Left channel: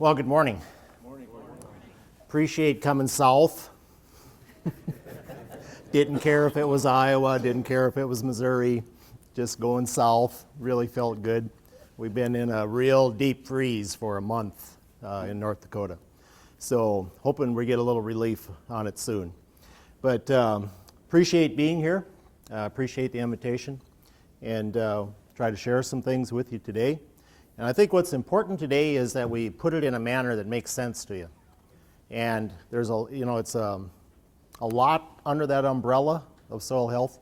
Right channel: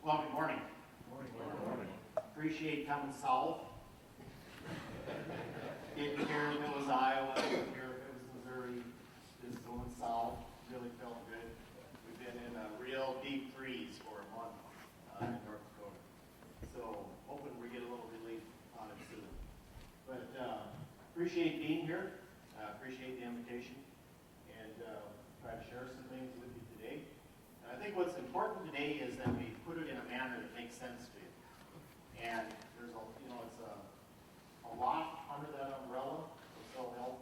Well, good morning. Appreciate coming south. Didn't care if it was Iowa, didn't care if it was Missouri, just going south really felt good. We've been in a real deep freeze for a month in North Dakota. So hoping we get a little relief on it soon. But appreciate being here, appreciate the invitation, and try to share some things with you today. And I think what's important today is that we put it in a manner that makes sense to you. And there's it's a lot under that umbrella of soil health.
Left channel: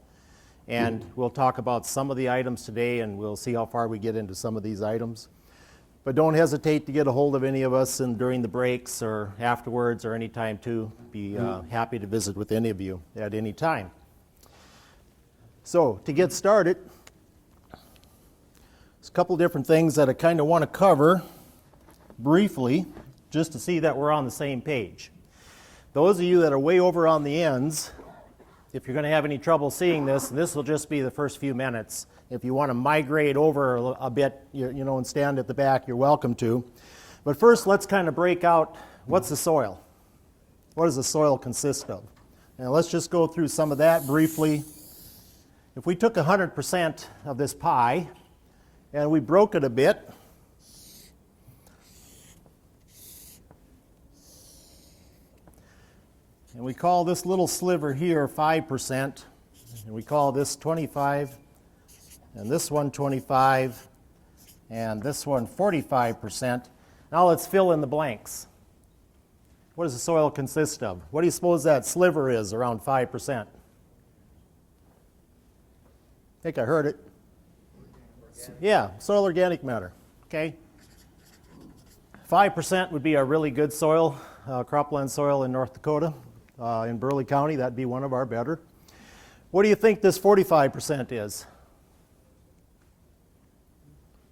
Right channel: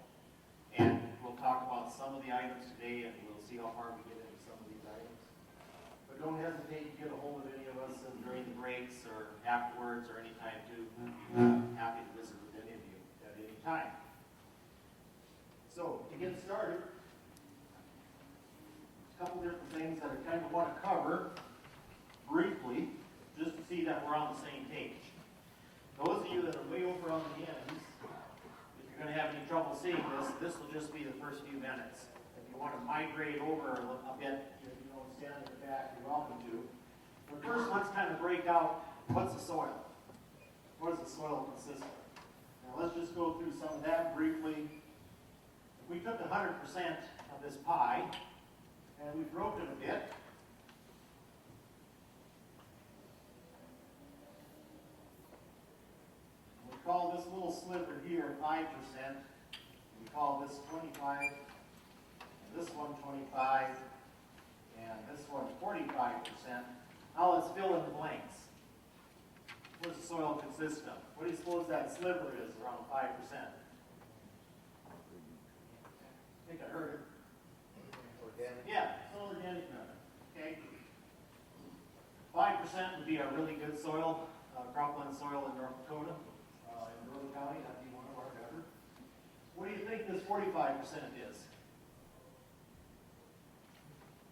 And we'll talk about some of the items today, and we'll see how far we get into some of these items. But don't hesitate to get a hold of any of us during the breaks or afterwards or any time too. Be happy to visit with any of you at any time. So to get started, there's a couple different things that I kind of want to cover briefly, just to see that we're on the same page. Those of you that are way over on the ends, if you're going to have any trouble seeing this will just be the first few minutes. If you want to migrate over a bit, and stand at the back, you're welcome to. But first, let's kind of break out, what's the soil? What does the soil consist of? Now let's just go through some of that briefly. If we took 100% of this pie and we broke it a bit, and we call this little sliver here 5%, and we call this 25, and this one 25, and this one 45%. Now let's fill in the blanks. What does the soil consist of? What do you suppose that sliver is around 5%? I think I heard it. Yeah, soil organic matter, okay? 5% would be a really good soil, cropland soil in North Dakota. In Burley County, that'd be one of our better. What do you think this 45% is?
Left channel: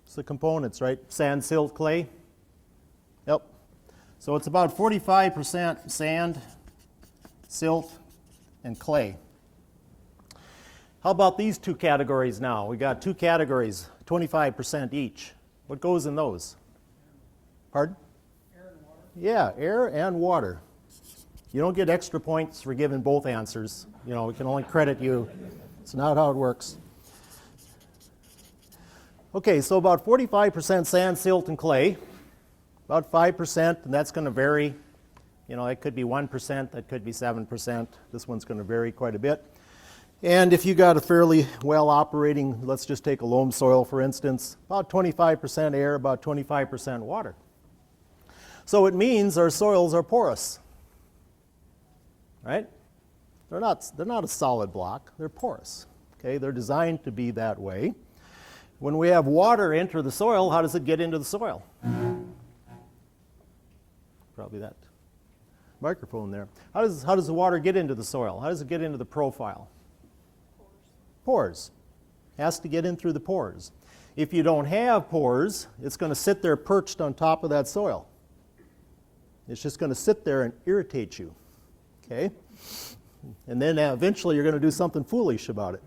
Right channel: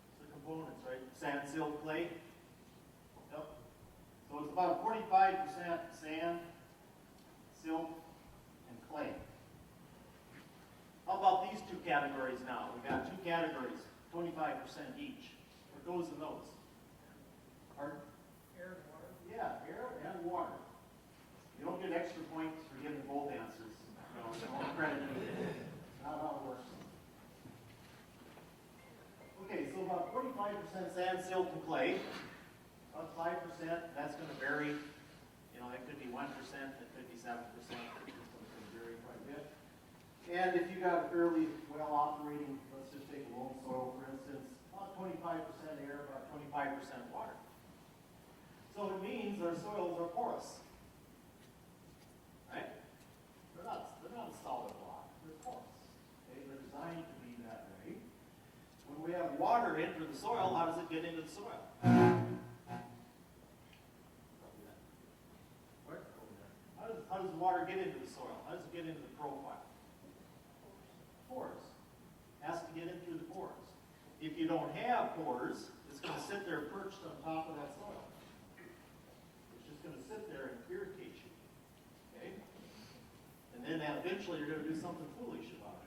It's the components, right? Sand, silt, clay? Yep. So it's about 45% sand, silt, and clay. How about these two categories now? We got two categories, 25% each. What goes in those? Pardon? Air and water. Yeah, air and water. You don't get extra points for giving both answers. We can only credit you. It's not how it works. Okay, so about 45% sand, silt, and clay. About 5%, and that's going to vary. It could be 1%, that could be 7%. This one's going to vary quite a bit. And if you got a fairly well operating, let's just take a loam soil for instance, about 25% air, about 25% water. So it means our soils are porous. Right? They're not a solid block, they're porous. Okay, they're designed to be that way. When we have water enter the soil, how does it get into the soil? Probably that microphone there. How does the water get into the soil? How does it get into the profile? Pores. Has to get in through the pores. If you don't have pores, it's going to sit there perched on top of that soil. It's just going to sit there and irritate you. Okay? And then eventually you're going to do something foolish about it,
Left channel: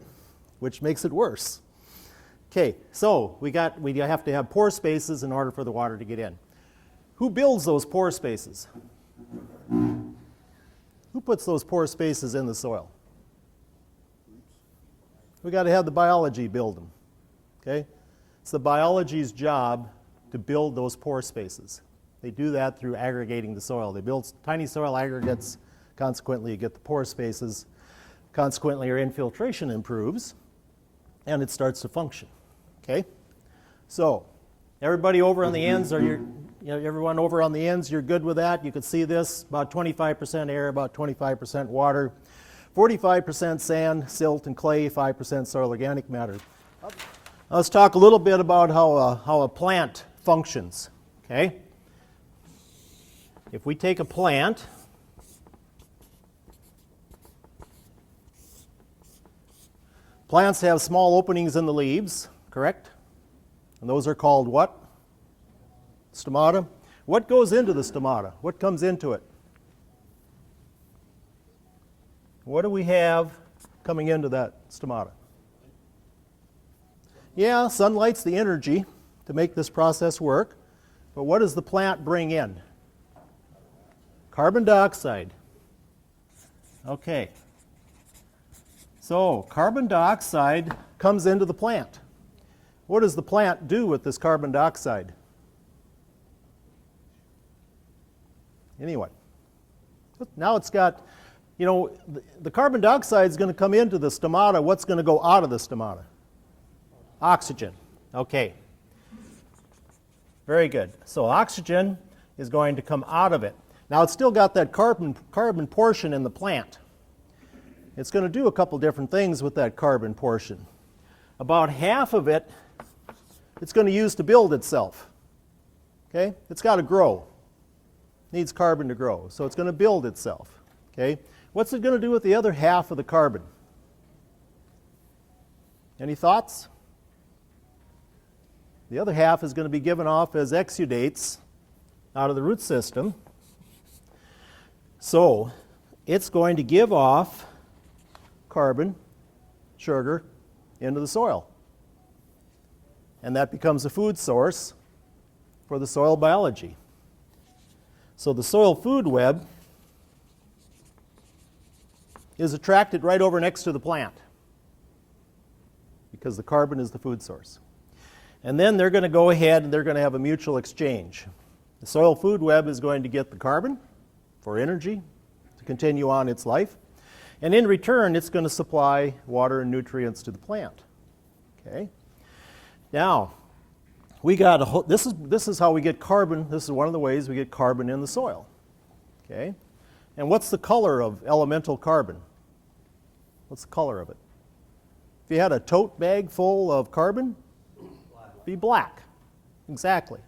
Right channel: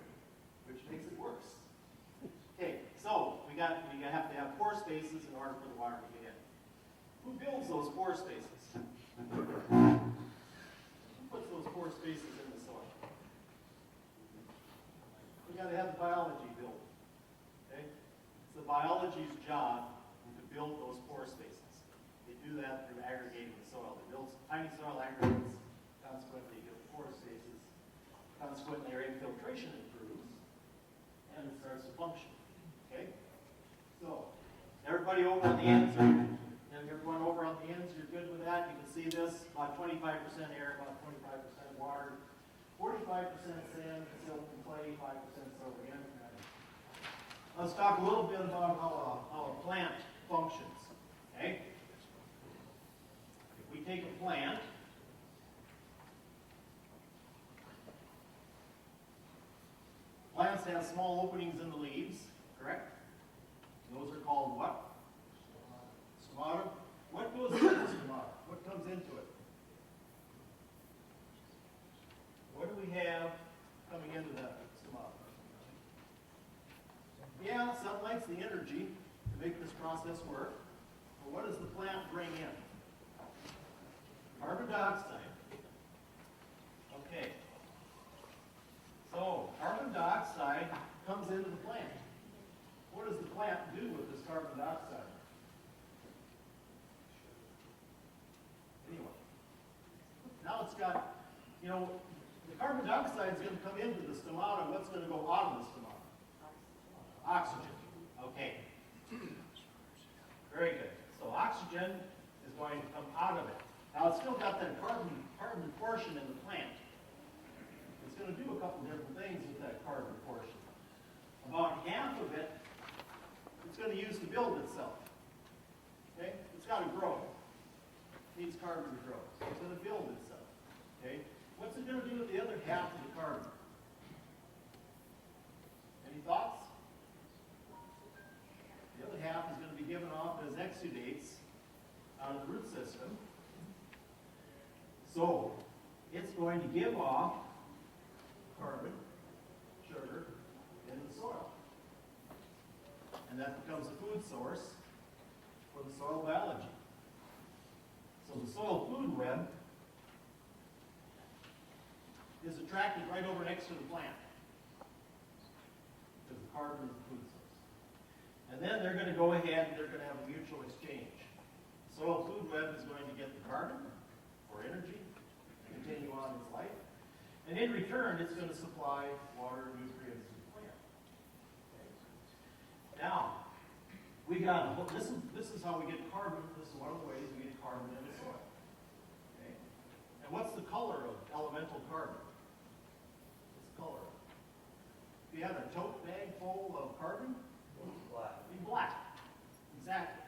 which makes it worse. Okay, so we have to have pore spaces in order for the water to get in. Who builds those pore spaces? Who puts those pore spaces in the soil? We got to have the biology build them. Okay? It's the biology's job to build those pore spaces. They do that through aggregating the soil. They build tiny soil aggregates. Consequently, you get the pore spaces. Consequently, your infiltration improves, and it starts to function. Okay? So, everybody over on the ends, everyone over on the ends, you're good with that? You can see this, about 25% air, about 25% water, 45% sand, silt, and clay, 5% soil organic matter. Let's talk a little bit about how a plant functions. Okay? If we take a plant, plants have small openings in the leaves, correct? And those are called what? Stomata. What goes into the stomata? What comes into it? What do we have coming into that stomata? Yeah, sunlight's the energy to make this process work. but what does the plant bring in? Carbon dioxide. Okay. So carbon dioxide comes into the plant. What does the plant do with this carbon dioxide? Anyway, now it's got, you know, the carbon dioxide is going to come into the stomata. What's going to go out of the stomata? Oxygen. Okay. Very good. So oxygen is going to come out of it. Now it's still got that carbon portion in the plant. It's going to do a couple different things with that carbon portion. About half of it, it's going to use to build itself. Okay? It's got to grow. It needs carbon to grow. So it's going to build itself. Okay? What's it going to do with the other half of the carbon? Any thoughts? The other half is going to be given off as exudates out of the root system. So it's going to give off carbon, sugar, into the soil. And that becomes a food source for the soil biology. So the soil food web is attracted right over next to the plant because the carbon is the food source. And then they're going to go ahead and they're going to have a mutual exchange. The soil food web is going to get the carbon for energy to continue on its life. And in return, it's going to supply water and nutrients to the plant. Okay? Now, we got this is how we get carbon. This is one of the ways we get carbon in the soil. Okay? And what's the color of elemental carbon? What's the color of it? If you had a tote bag full of carbon, it'd be black. Exactly.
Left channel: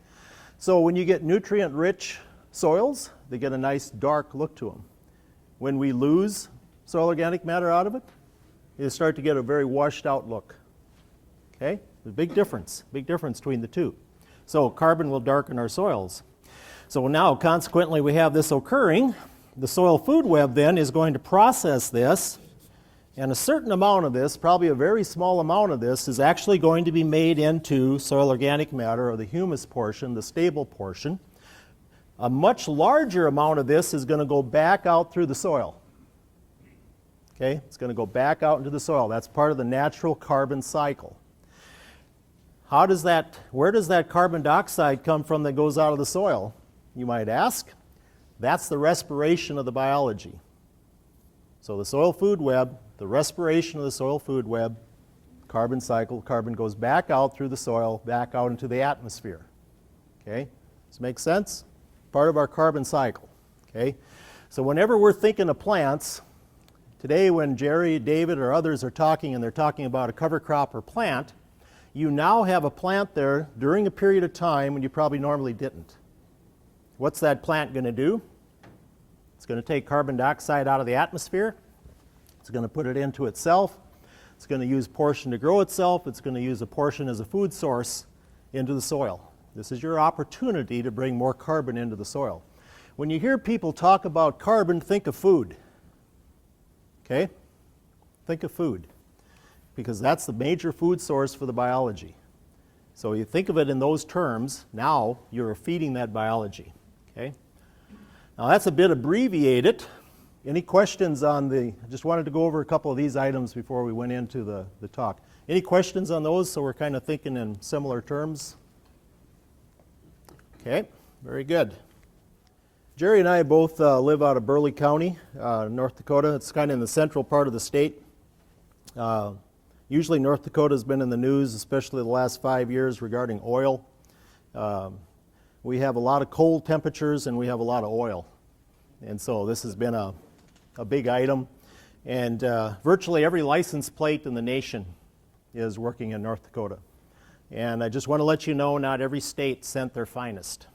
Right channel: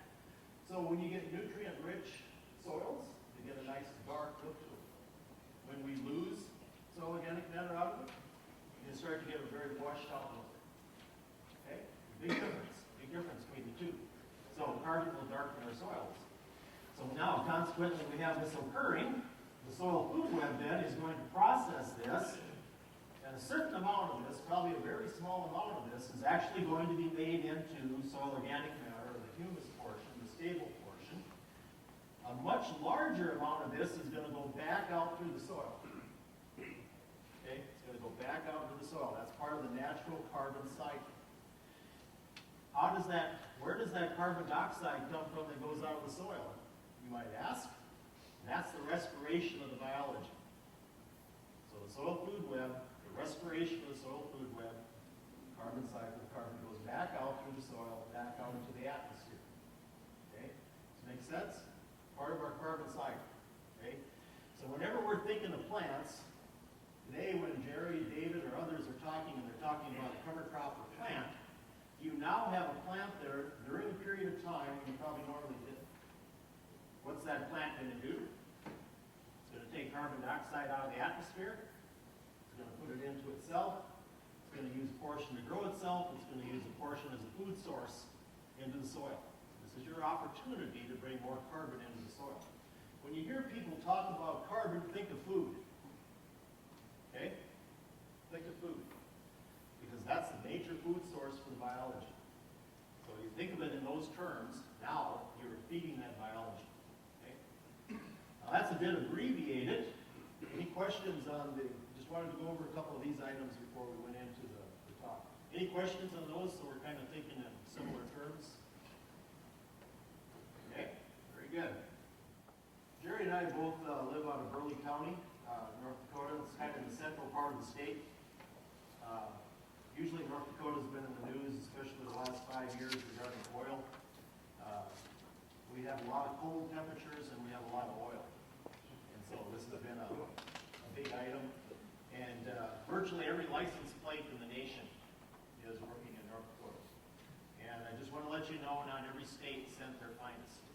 So when you get nutrient-rich soils, they get a nice dark look to them. When we lose soil organic matter out of it, you start to get a very washed out look. Okay? There's a big difference between the two. So carbon will darken our soils. So now, consequently, we have this occurring. The soil food web then is going to process this, and a certain amount of this, probably a very small amount of this, is actually going to be made into soil organic matter, or the humus portion, the stable portion. A much larger amount of this is going to go back out through the soil. Okay? It's going to go back out into the soil. That's part of the natural carbon cycle. Where does that carbon dioxide come from that goes out of the soil, you might ask? That's the respiration of the biology. So the soil food web, the respiration of the soil food web, carbon cycle, carbon goes back out through the soil, back out into the atmosphere. Okay? Does this make sense? Part of our carbon cycle. Okay? So whenever we're thinking of plants, today when Jerry, David, or others are talking and they're talking about a cover crop or plant, you now have a plant there during a period of time when you probably normally didn't. What's that plant going to do? It's going to take carbon dioxide out of the atmosphere. It's going to put it into itself. It's going to use a portion to grow itself. It's going to use a portion as a food source into the soil. This is your opportunity to bring more carbon into the soil. When you hear people talk about carbon, think of food. Okay? Think of food, because that's the major food source for the biology. So you think of it in those terms, now you're feeding that biology. Okay? Now that's a bit abbreviated. Any questions on I just wanted to go over a couple of these items before we went into the talk. Any questions on those, so we're kind of thinking in similar terms? Okay, very good. Jerry and I both live out of Burleigh County, North Dakota. It's kind of in the central part of the state. Usually North Dakota has been in the news, especially the last 5 years, regarding oil. We have a lot of cold temperatures and we have a lot of oil. And so this has been a big item. And virtually every license plate in the nation is working in North Dakota. And I just want to let you know, not every state sent their finest.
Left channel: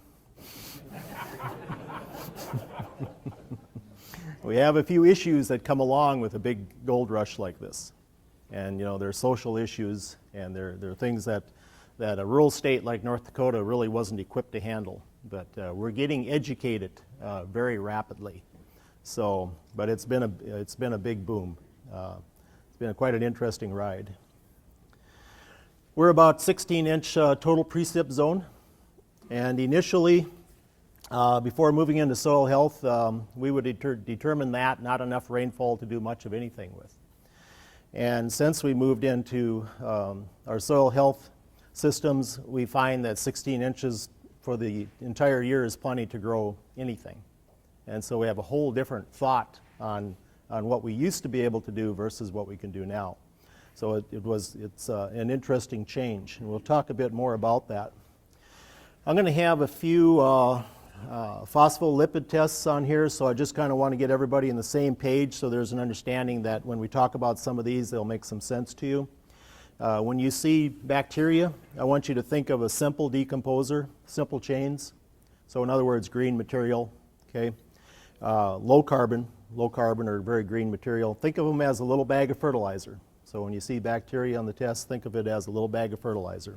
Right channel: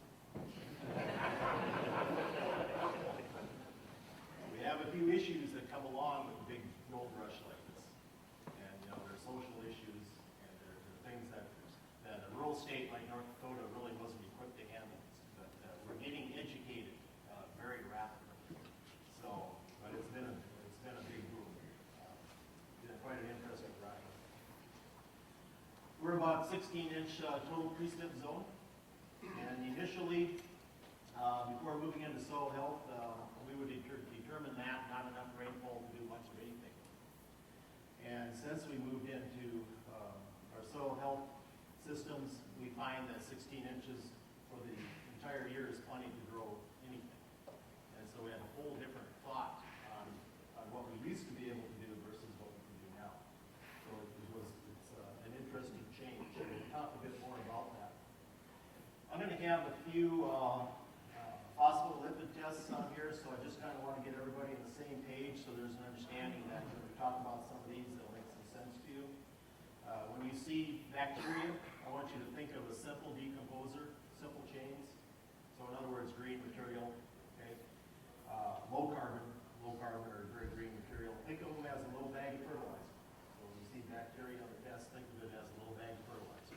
We have a few issues that come along with a big gold rush like this. And you know, there are social issues, and there are things that a rural state like North Dakota really wasn't equipped to handle. But we're getting educated very rapidly. So, but it's been a big boom. It's been quite an interesting ride. We're about 16-inch total precip zone. And initially, before moving into soil health, we would determine that not enough rainfall to do much of anything with. And since we moved into our soil health systems, we find that 16 inches for the entire year is plenty to grow anything. And so we have a whole different thought on what we used to be able to do versus what we can do now. So it's an interesting change, and we'll talk a bit more about that. I'm going to have a few phospholipid tests on here, so I just kind of want to get everybody on the same page so there's an understanding that when we talk about some of these, they'll make some sense to you. When you see bacteria, I want you to think of a simple decomposer, simple chains. So in other words, green material, okay? Low carbon or very green material. Think of them as a little bag of fertilizer. So when you see bacteria on the test, think of it as a little bag of fertilizer.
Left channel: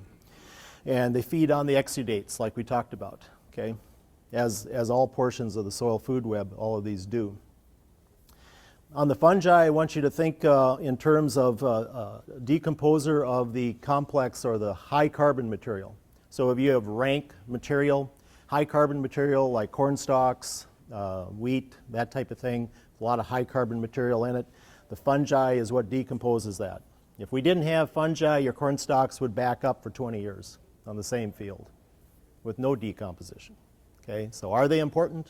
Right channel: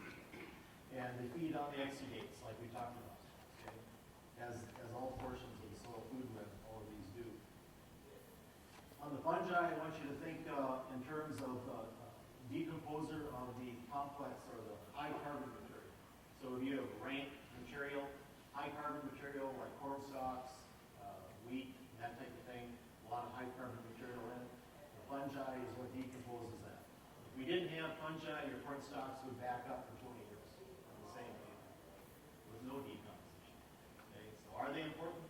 And they feed on the exudates like we talked about, okay? As all portions of the soil food web, all of these do. On the fungi, I want you to think in terms of decomposer of the complex or the high carbon material. So if you have rank material, high carbon material like corn stalks, wheat, that type of thing, a lot of high carbon material in it, the fungi is what decomposes that. If we didn't have fungi, your corn stalks would back up for 20 years on the same field with no decomposition. Okay, so are they important?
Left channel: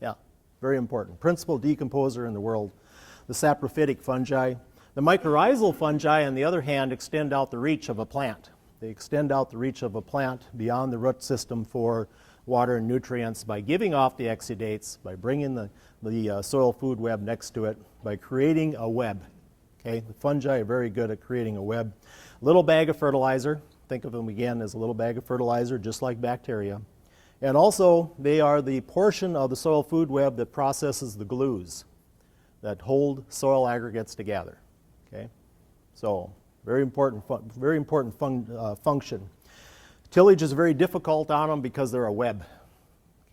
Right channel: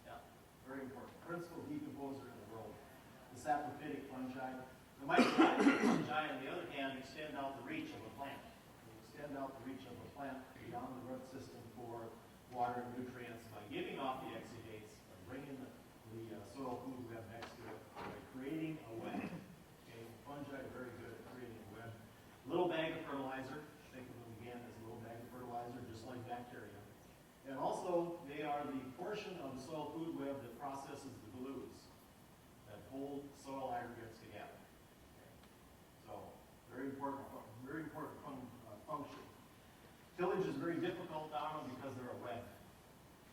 Yeah, very important. Principal decomposer in the world. The saprophytic fungi. The mycorrhizal fungi, on the other hand, extend out the reach of a plant. They extend out the reach of a plant beyond the root system for water and nutrients by giving off the exudates, by bringing the soil food web next to it, by creating a web. Okay, the fungi are very good at creating a web. Little bag of fertilizer. Think of them again as a little bag of fertilizer, just like bacteria. And also, they are the portion of the soil food web that processes the glues that hold soil aggregates together. Okay, so very important function. Tillage is very difficult on them because they're a web.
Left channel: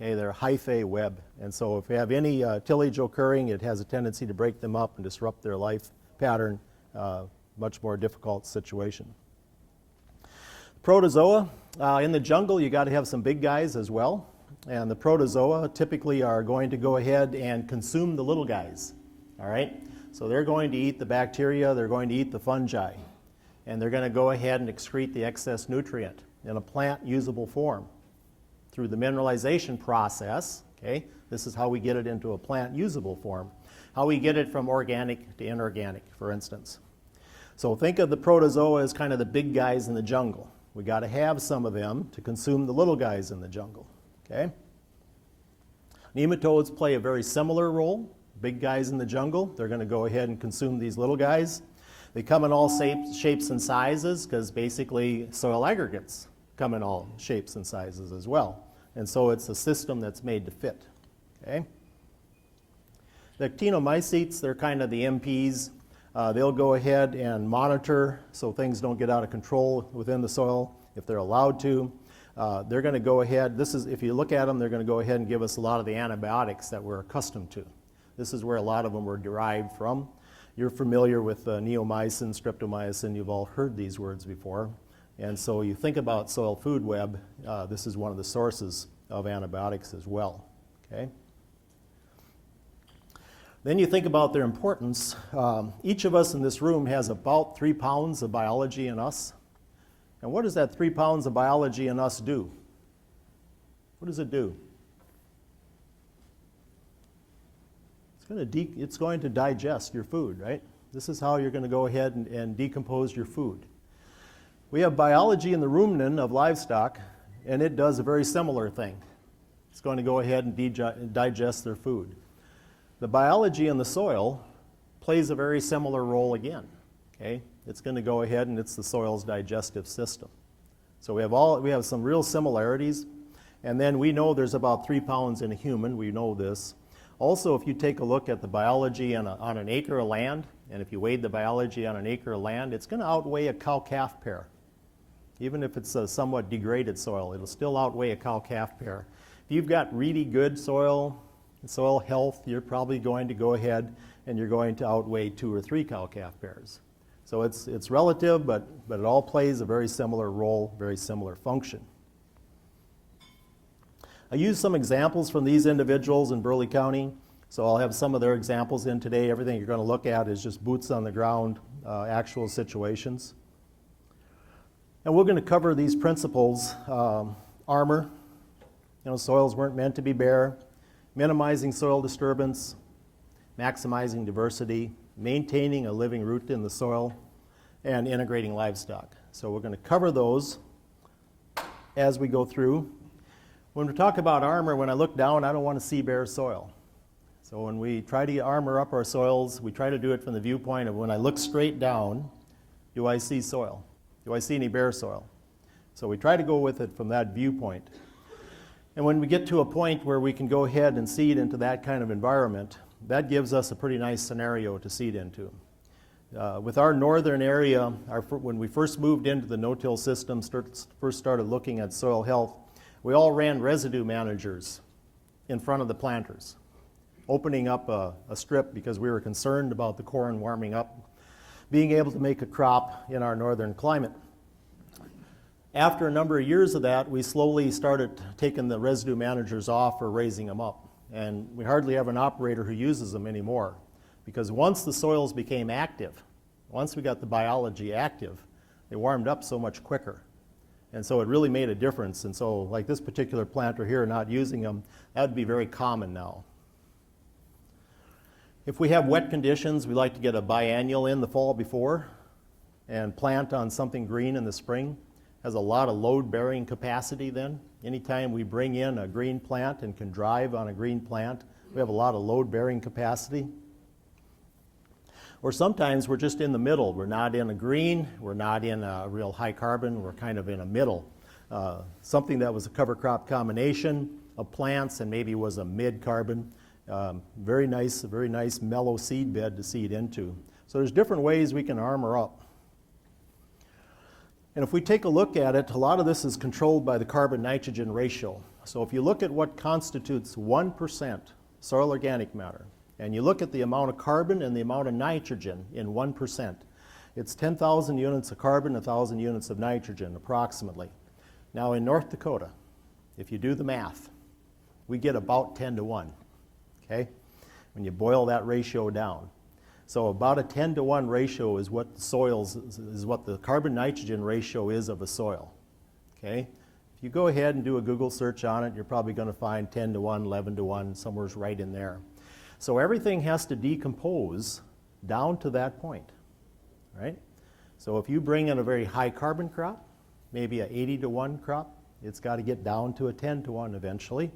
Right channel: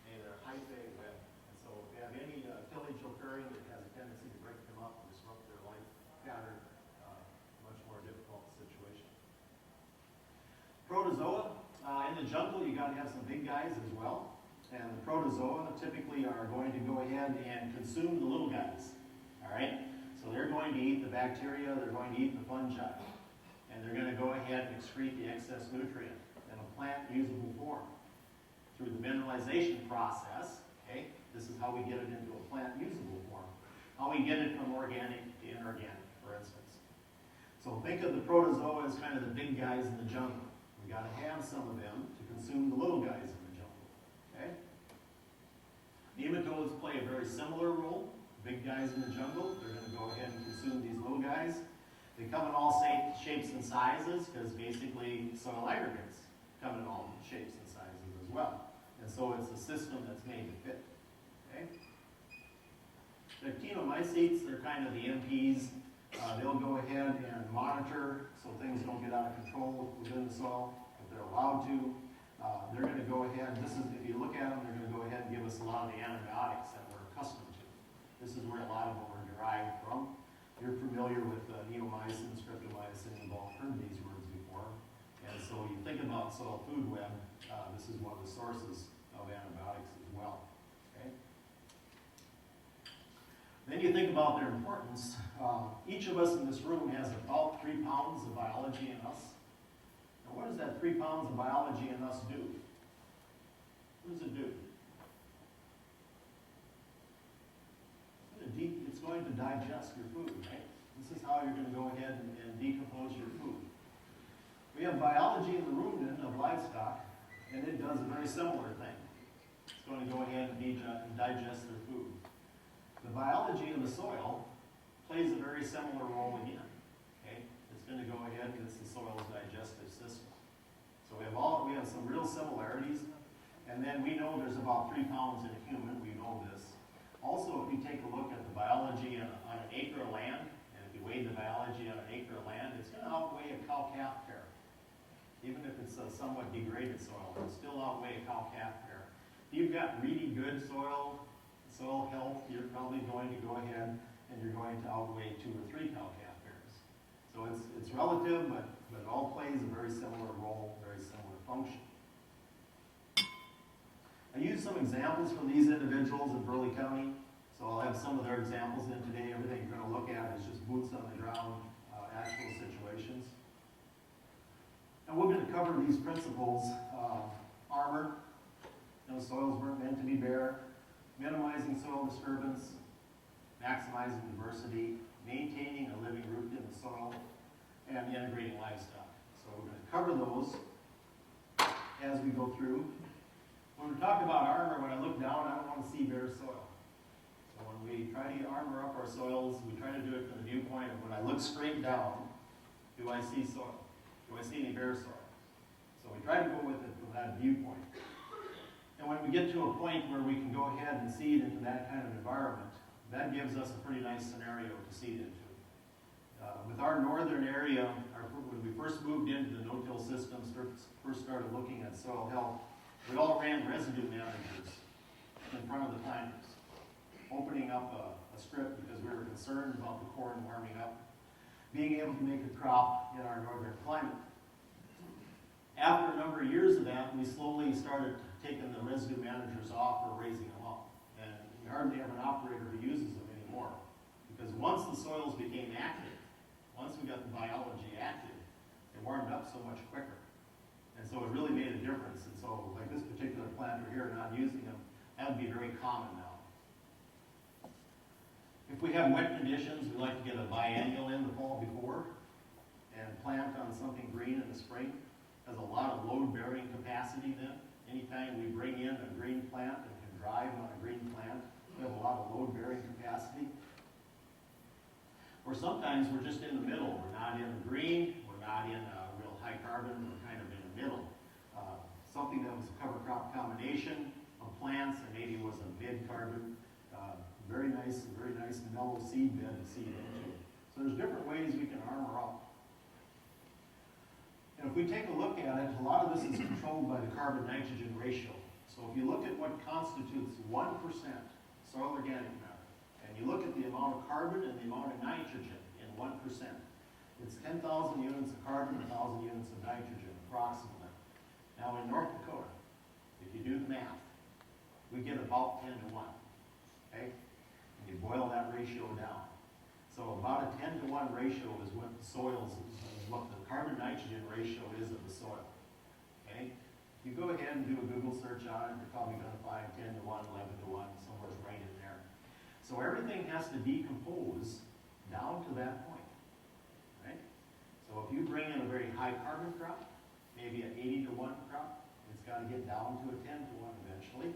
Okay, they're a hyphae web, and so if you have any tillage occurring, it has a tendency to break them up and disrupt their life pattern. Much more difficult situation. Protozoa, in the jungle you got to have some big guys as well, and the protozoa typically are going to go ahead and consume the little guys, all right? So they're going to eat the bacteria, they're going to eat the fungi, and they're going to go ahead and excrete the excess nutrient in a plant usable form through the mineralization process, okay? This is how we get it into a plant usable form, how we get it from organic to inorganic, for instance. So think of the protozoa as kind of the big guys in the jungle. We got to have some of them to consume the little guys in the jungle, okay? Nematodes play a very similar role. Big guys in the jungle, they're going to go ahead and consume these little guys. They come in all shapes and sizes because basically soil aggregates come in all shapes and sizes as well. And so it's a system that's made to fit, okay? The actinomycetes, they're kind of the MPs. They'll go ahead and monitor so things don't get out of control within the soil if they're allowed to. They're going to go ahead, if you look at them, they're going to go ahead and give us a lot of the antibiotics that we're accustomed to. This is where a lot of them were derived from. You're familiar with neomycin, streptomycin, you've all heard these words before. And so you think about soil food web, this is one of the sources of antibiotics as well, okay? Then you think about their importance. Each of us in this room has about 3 pounds of biology in us. And what does that 3 pounds of biology in us do? What does it do? It's going to digest your food, right? This is how you're going to go ahead and decompose your food. We have biology in the rumen of livestock, and it does a very similar thing. It's going to go ahead and digest their food. The biology in the soil plays a very similar role again, okay? It's going to go ahead and it's the soil's digestive system. So we have some real similarities, and then we know there's about 3 pounds in a human, we know this. Also, if you take a look at the biology on an acre of land, and if you weighed the biology on an acre of land, it's going to outweigh a cow-calf pair. Even if it's a somewhat degraded soil, it'll still outweigh a cow-calf pair. If you've got really good soil health, you're probably going to go ahead and you're going to outweigh 2 or 3 cow-calf pairs. So it's relative, but it all plays a very similar role, very similar function. I used some examples from these individuals in Burley County, so I'll have some of their examples in today. Everything you're going to look at is just boots on the ground, actual situations. And we're going to cover these principles, armor, soils weren't meant to be bare, minimizing soil disturbance, maximizing diversity, maintaining a living root in the soil, and integrating livestock. So we're going to cover those as we go through. When we talk about armor, when I look down, I don't want to see bare soil. So when we try to armor up our soils, we try to do it from the viewpoint of when I look straight down, do I see soil? Do I see any bare soil? So we try to go with it from that viewpoint. And when we get to a point where we can go ahead and seed into that kind of environment, that gives us a pretty nice scenario to seed into. With our northern area, when we first moved into the no-till system, first started looking at soil health, we all ran residue managers in front of the planters, opening up a strip because we were concerned about the corn warming up, being able to make a crop in our northern climate. After a number of years of that, we slowly started taking the residue managers off or raising them up. And we hardly have an operator who uses them anymore. Because once the soils became active, once we got the biology active, they warmed up so much quicker. And so it really made a difference. And so like this particular planter here, not using them, that would be very common now. If we have wet conditions, we like to get a biennial in the fall before and plant on something green in the spring. Has a lot of load-bearing capacity then. Anytime we bring in a green plant and can drive on a green plant, we have a lot of load-bearing capacity. Or sometimes we're just in the middle. We're not in a green, we're not in a real high carbon, we're kind of in a middle. Something that was a cover crop combination of plants and maybe was a mid-carbon. Very nice mellow seed bed to seed into. So there's different ways we can armor up. And if we take a look at it, a lot of this is controlled by the carbon-nitrogen ratio. So if you look at what constitutes 1% soil organic matter, and you look at the amount of carbon and the amount of nitrogen in 1%, it's 10,000 units of carbon, 1,000 units of nitrogen, approximately. Now in North Dakota, if you do the math, we get about 10 to 1, okay? When you boil that ratio down. So about a 10 to 1 ratio is what the soils, is what the carbon-nitrogen ratio is of a soil, okay? If you go ahead and do a Google search on it, you're probably going to find 10 to 1, 11 to 1, somewhere's right in there. So everything has to decompose down to that point, right? So if you bring in a very high carbon crop, maybe an 80 to 1 crop, it's got to get down to a 10 to 1 eventually.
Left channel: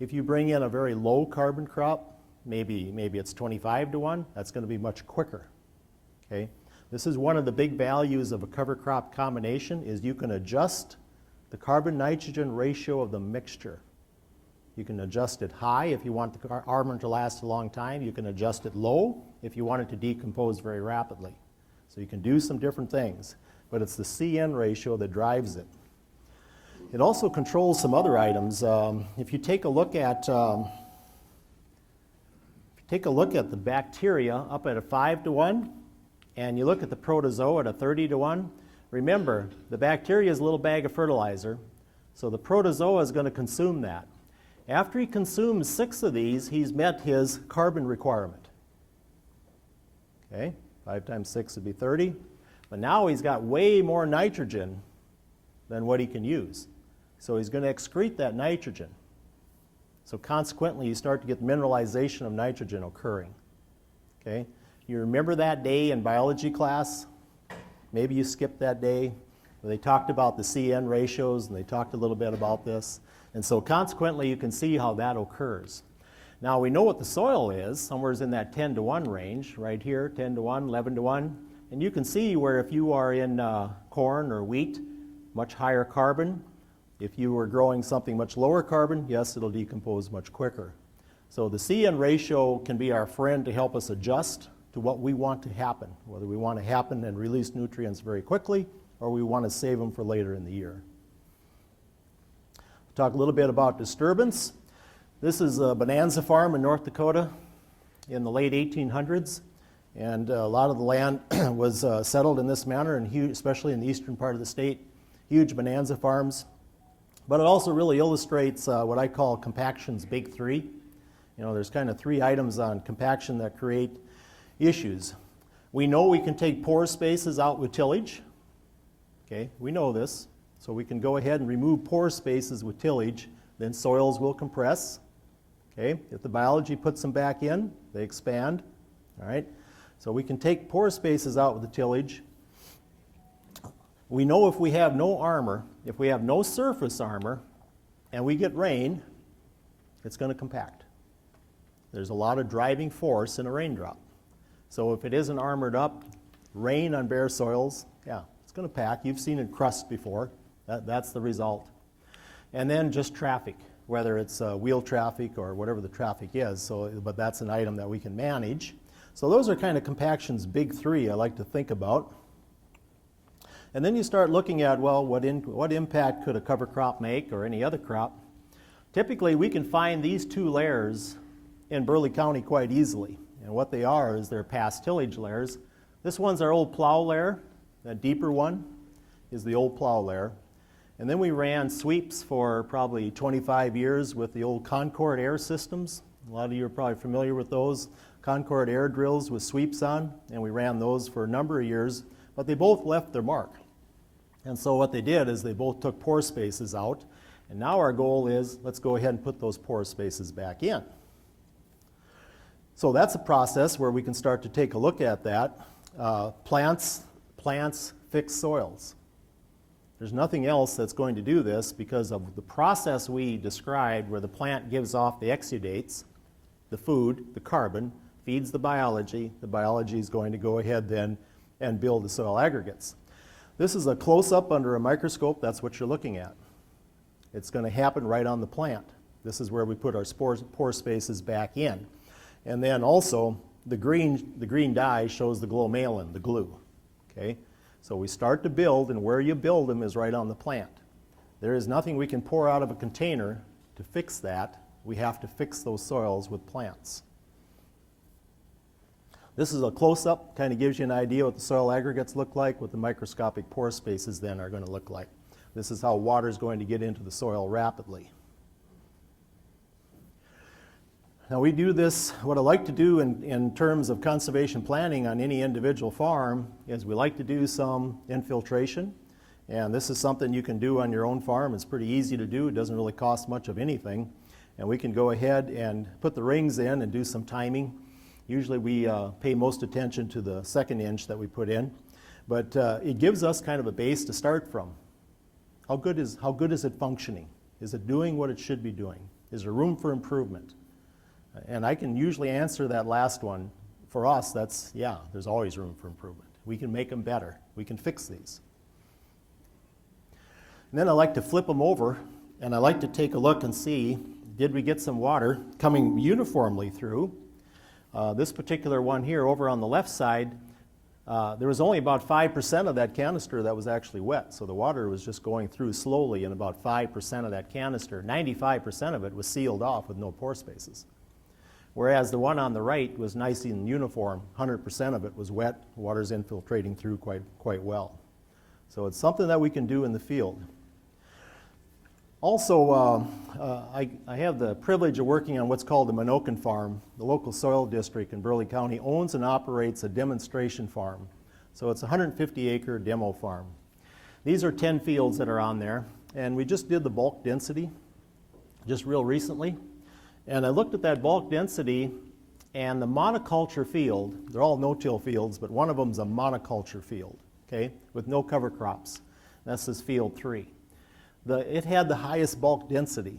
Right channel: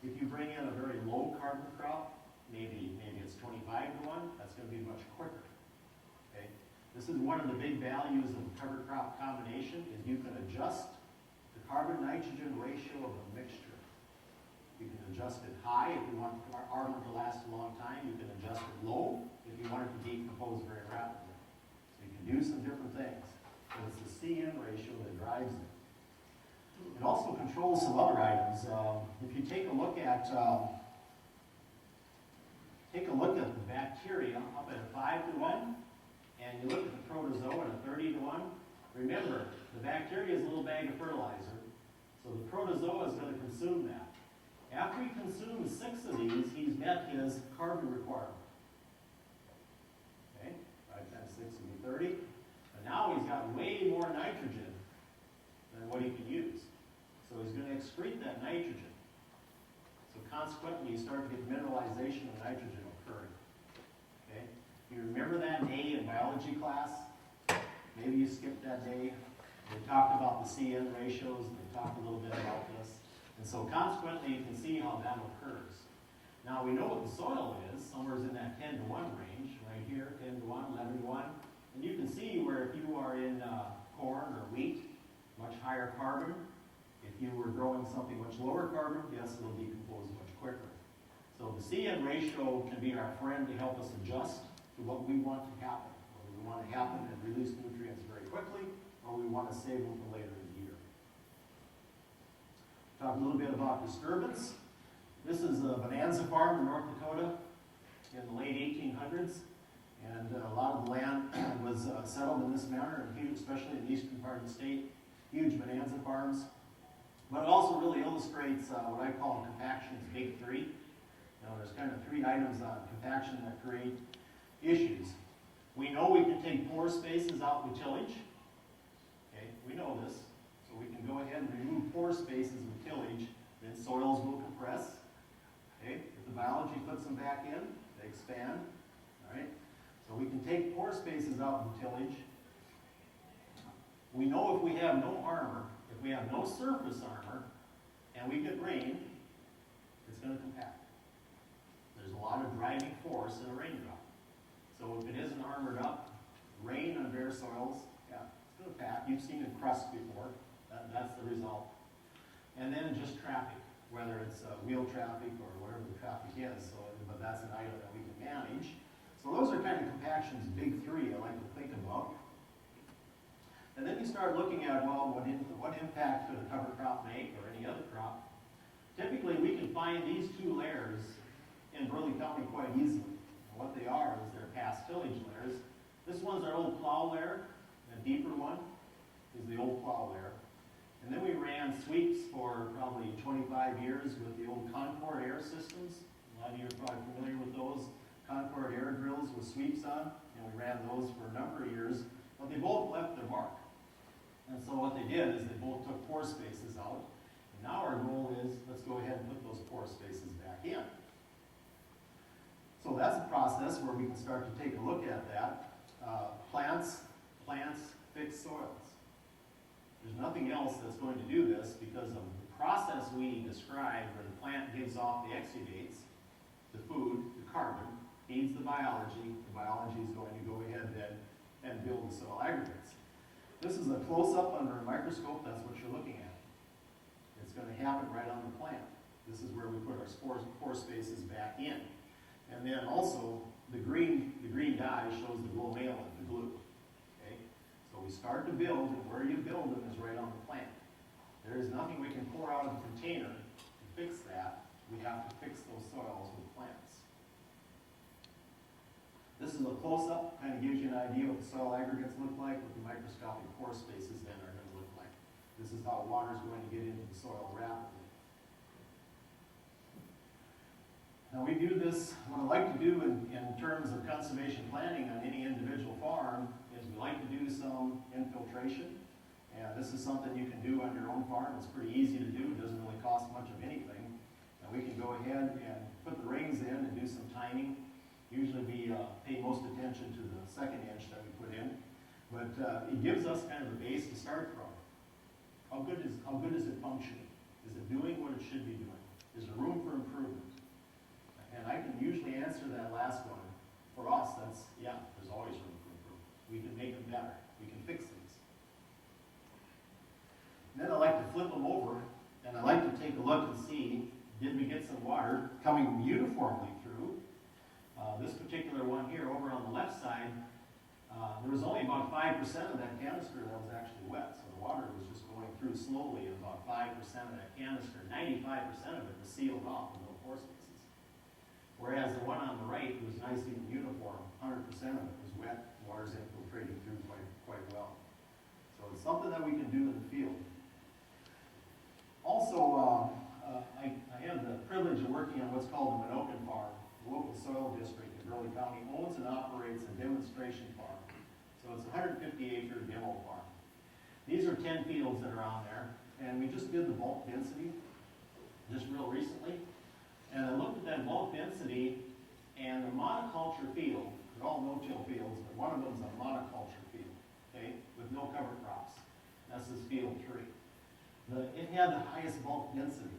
If you bring in a very low carbon crop, maybe it's 25 to 1, that's going to be much quicker, okay? This is one of the big values of a cover crop combination is you can adjust the carbon-nitrogen ratio of the mixture. You can adjust it high if you want the armor to last a long time. You can adjust it low if you want it to decompose very rapidly. So you can do some different things, but it's the CN ratio that drives it. It also controls some other items. If you take a look at the bacteria up at a 5 to 1, and you look at the protozoa at a 30 to 1, remember, the bacteria is a little bag of fertilizer, so the protozoa is going to consume that. After he consumes 6 of these, he's met his carbon requirement. Okay, 5 times 6 would be 30, but now he's got way more nitrogen than what he can use. So he's going to excrete that nitrogen. So consequently, you start to get mineralization of nitrogen occurring. Okay? You remember that day in biology class? Maybe you skipped that day where they talked about the CN ratios and they talked a little bit about this. And so consequently, you can see how that occurs. Now we know what the soil is, somewhere in that 10 to 1 range, right here, 10 to 1, 11 to 1. And you can see where if you are in corn or wheat, much higher carbon. If you were growing something much lower carbon, yes, it'll decompose much quicker. So the CN ratio can be our friend to help us adjust to what we want to happen, whether we want to happen and release nutrients very quickly or we want to save them for later in the year. Talk a little bit about disturbance. This is a bonanza farm in North Dakota in the late 1800s, and a lot of the land was settled in this manner, and especially in the eastern part of the state. Huge bonanza farms. But it also really illustrates what I call compaction's big three. You know, there's kind of three items on compaction that create issues. We know we can take pore spaces out with tillage. Okay, we know this. So we can go ahead and remove pore spaces with tillage, then soils will compress. Okay, if the biology puts them back in, they expand. All right, so we can take pore spaces out with the tillage. We know if we have no armor, if we have no surface armor, and we get rain, it's going to compact. There's a lot of driving force in a raindrop. So if it isn't armored up, rain on bare soils, yeah, it's going to pack. You've seen it crust before. That's the result. And then just traffic, whether it's wheel traffic or whatever the traffic is. So, but that's an item that we can manage. So those are kind of compaction's big three I like to think about. And then you start looking at, well, what impact could a cover crop make or any other crop? Typically, we can find these two layers in Burleigh County quite easily. And what they are is they're past tillage layers. This one's our old plow layer. That deeper one is the old plow layer. And then we ran sweeps for probably 25 years with the old Concord air systems. A lot of you are probably familiar with those. Concord air drills with sweeps on, and we ran those for a number of years, but they both left their mark. And so what they did is they both took pore spaces out, and now our goal is let's go ahead and put those pore spaces back in. So that's a process where we can start to take a look at that. Plants fix soils. There's nothing else that's going to do this because of the process we described where the plant gives off the exudates, the food, the carbon, feeds the biology is going to go ahead then and build the soil aggregates. This is a close-up under a microscope. That's what you're looking at. It's going to happen right on the plant. This is where we put our pore spaces back in. And then also the green dye shows the glomalin, the glue. Okay? So we start to build, and where you build them is right on the plant. There is nothing we can pour out of a container to fix that. We have to fix those soils with plants. This is a close-up, kind of gives you an idea what the soil aggregates look like, what the microscopic pore spaces then are going to look like. This is how water is going to get into the soil rapidly. Now we do this, what I like to do in terms of conservation planning on any individual farm is we like to do some infiltration. And this is something you can do on your own farm. It's pretty easy to do. It doesn't really cost much of anything. And we can go ahead and put the rings in and do some timing. Usually we pay most attention to the second inch that we put in. But it gives us kind of a base to start from. How good is it functioning? Is it doing what it should be doing? Is there room for improvement? And I can usually answer that last one. For us, that's, yeah, there's always room for improvement. We can make them better. We can fix these. And then I like to flip them over, and I like to take a look and see, did we get some water coming uniformly through? This particular one here, over on the left side, there was only about 5% of that canister that was actually wet. So the water was just going through slowly in about 5% of that canister. 95% of it was sealed off with no pore spaces. Whereas the one on the right was nice and uniform. 100% of it was wet. The water's infiltrating through quite well. So it's something that we can do in the field. Also, I have the privilege of working on what's called the Minokan Farm. The local soil district in Burleigh County owns and operates a demonstration farm. So it's a 150-acre demo farm. These are 10 fields that are on there. And we just did the bulk density just real recently. And I looked at that bulk density and the monoculture field, they're all no-till fields, but one of them is a monoculture field, okay, with no cover crops. That's this field 3. It had the highest bulk density.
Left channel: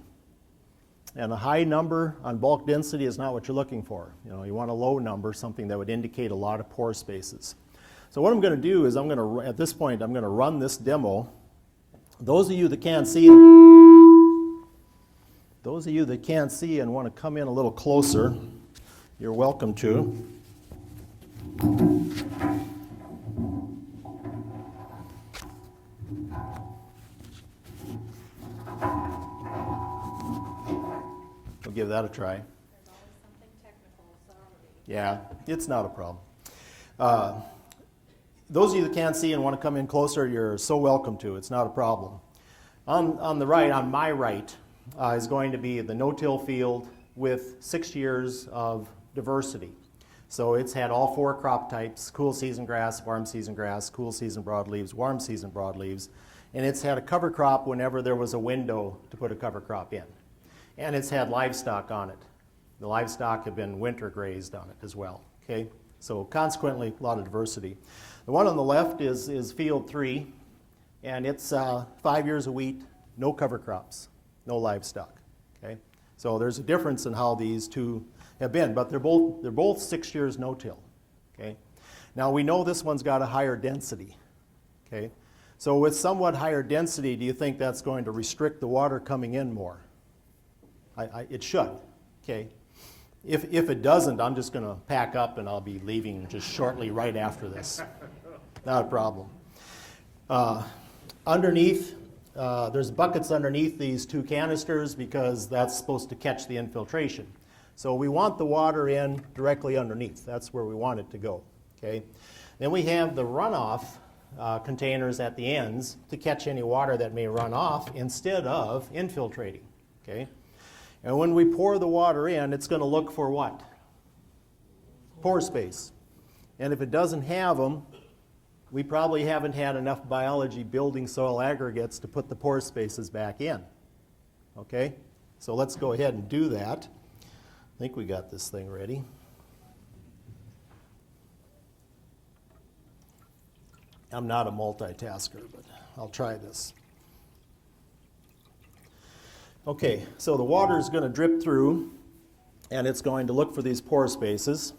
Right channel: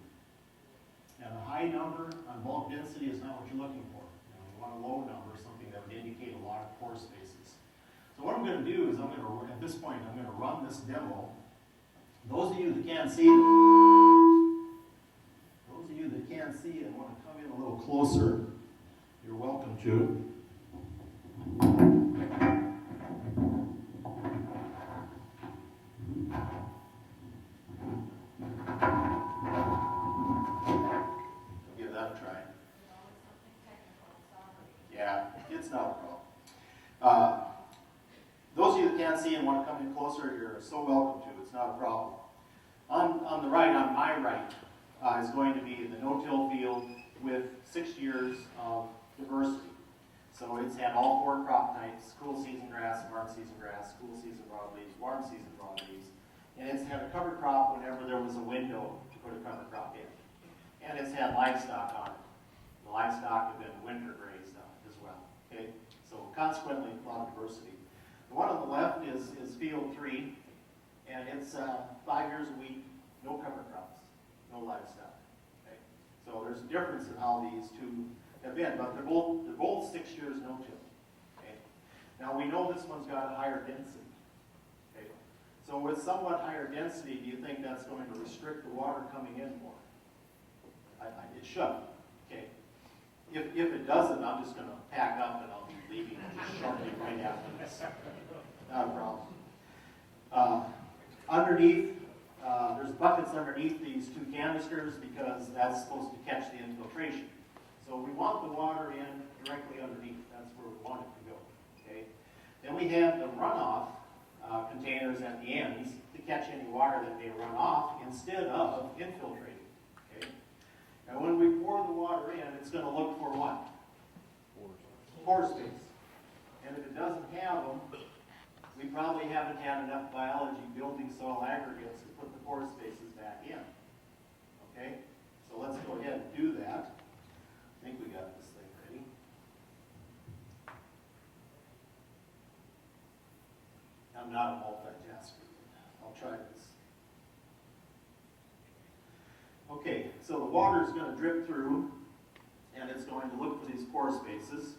And a high number on bulk density is not what you're looking for. You know, you want a low number, something that would indicate a lot of pore spaces. So what I'm going to do is at this point, I'm going to run this demo. Those of you that can't see and want to come in a little closer, you're welcome to. We'll give that a try. Yeah, it's not a problem. Those of you that can't see and want to come in closer, you're so welcome to. It's not a problem. On the right, on my right, is going to be the no-till field with 6 years of diversity. So it's had all 4 crop types: cool season grass, warm season grass, cool season broadleaves, warm season broadleaves. And it's had a cover crop whenever there was a window to put a cover crop in. And it's had livestock on it. The livestock have been winter grazed on it as well. Okay? So consequently, a lot of diversity. The one on the left is field 3, and it's 5 years of wheat, no cover crops, no livestock. Okay? So there's a difference in how these two have been, but they're both 6 years no-till. Okay? Now we know this one's got a higher density. Okay? So with somewhat higher density, do you think that's going to restrict the water coming in more? It should. Okay? If it doesn't, I'm just going to pack up and I'll be leaving just shortly right after this. Not a problem. Underneath, there's buckets underneath these 2 canisters because that's supposed to catch the infiltration. So we want the water in directly underneath. That's where we want it to go. Okay? Then we have the runoff containers at the ends to catch any water that may run off instead of infiltrating. Okay? And when we pour the water in, it's going to look for what? Pore space. And if it doesn't have them, we probably haven't had enough biology building soil aggregates to put the pore spaces back in. Okay? So let's go ahead and do that. I think we got this thing ready. I'm not a multitasker, but I'll try this. Okay, so the water is going to drip through, and it's going to look for these pore spaces.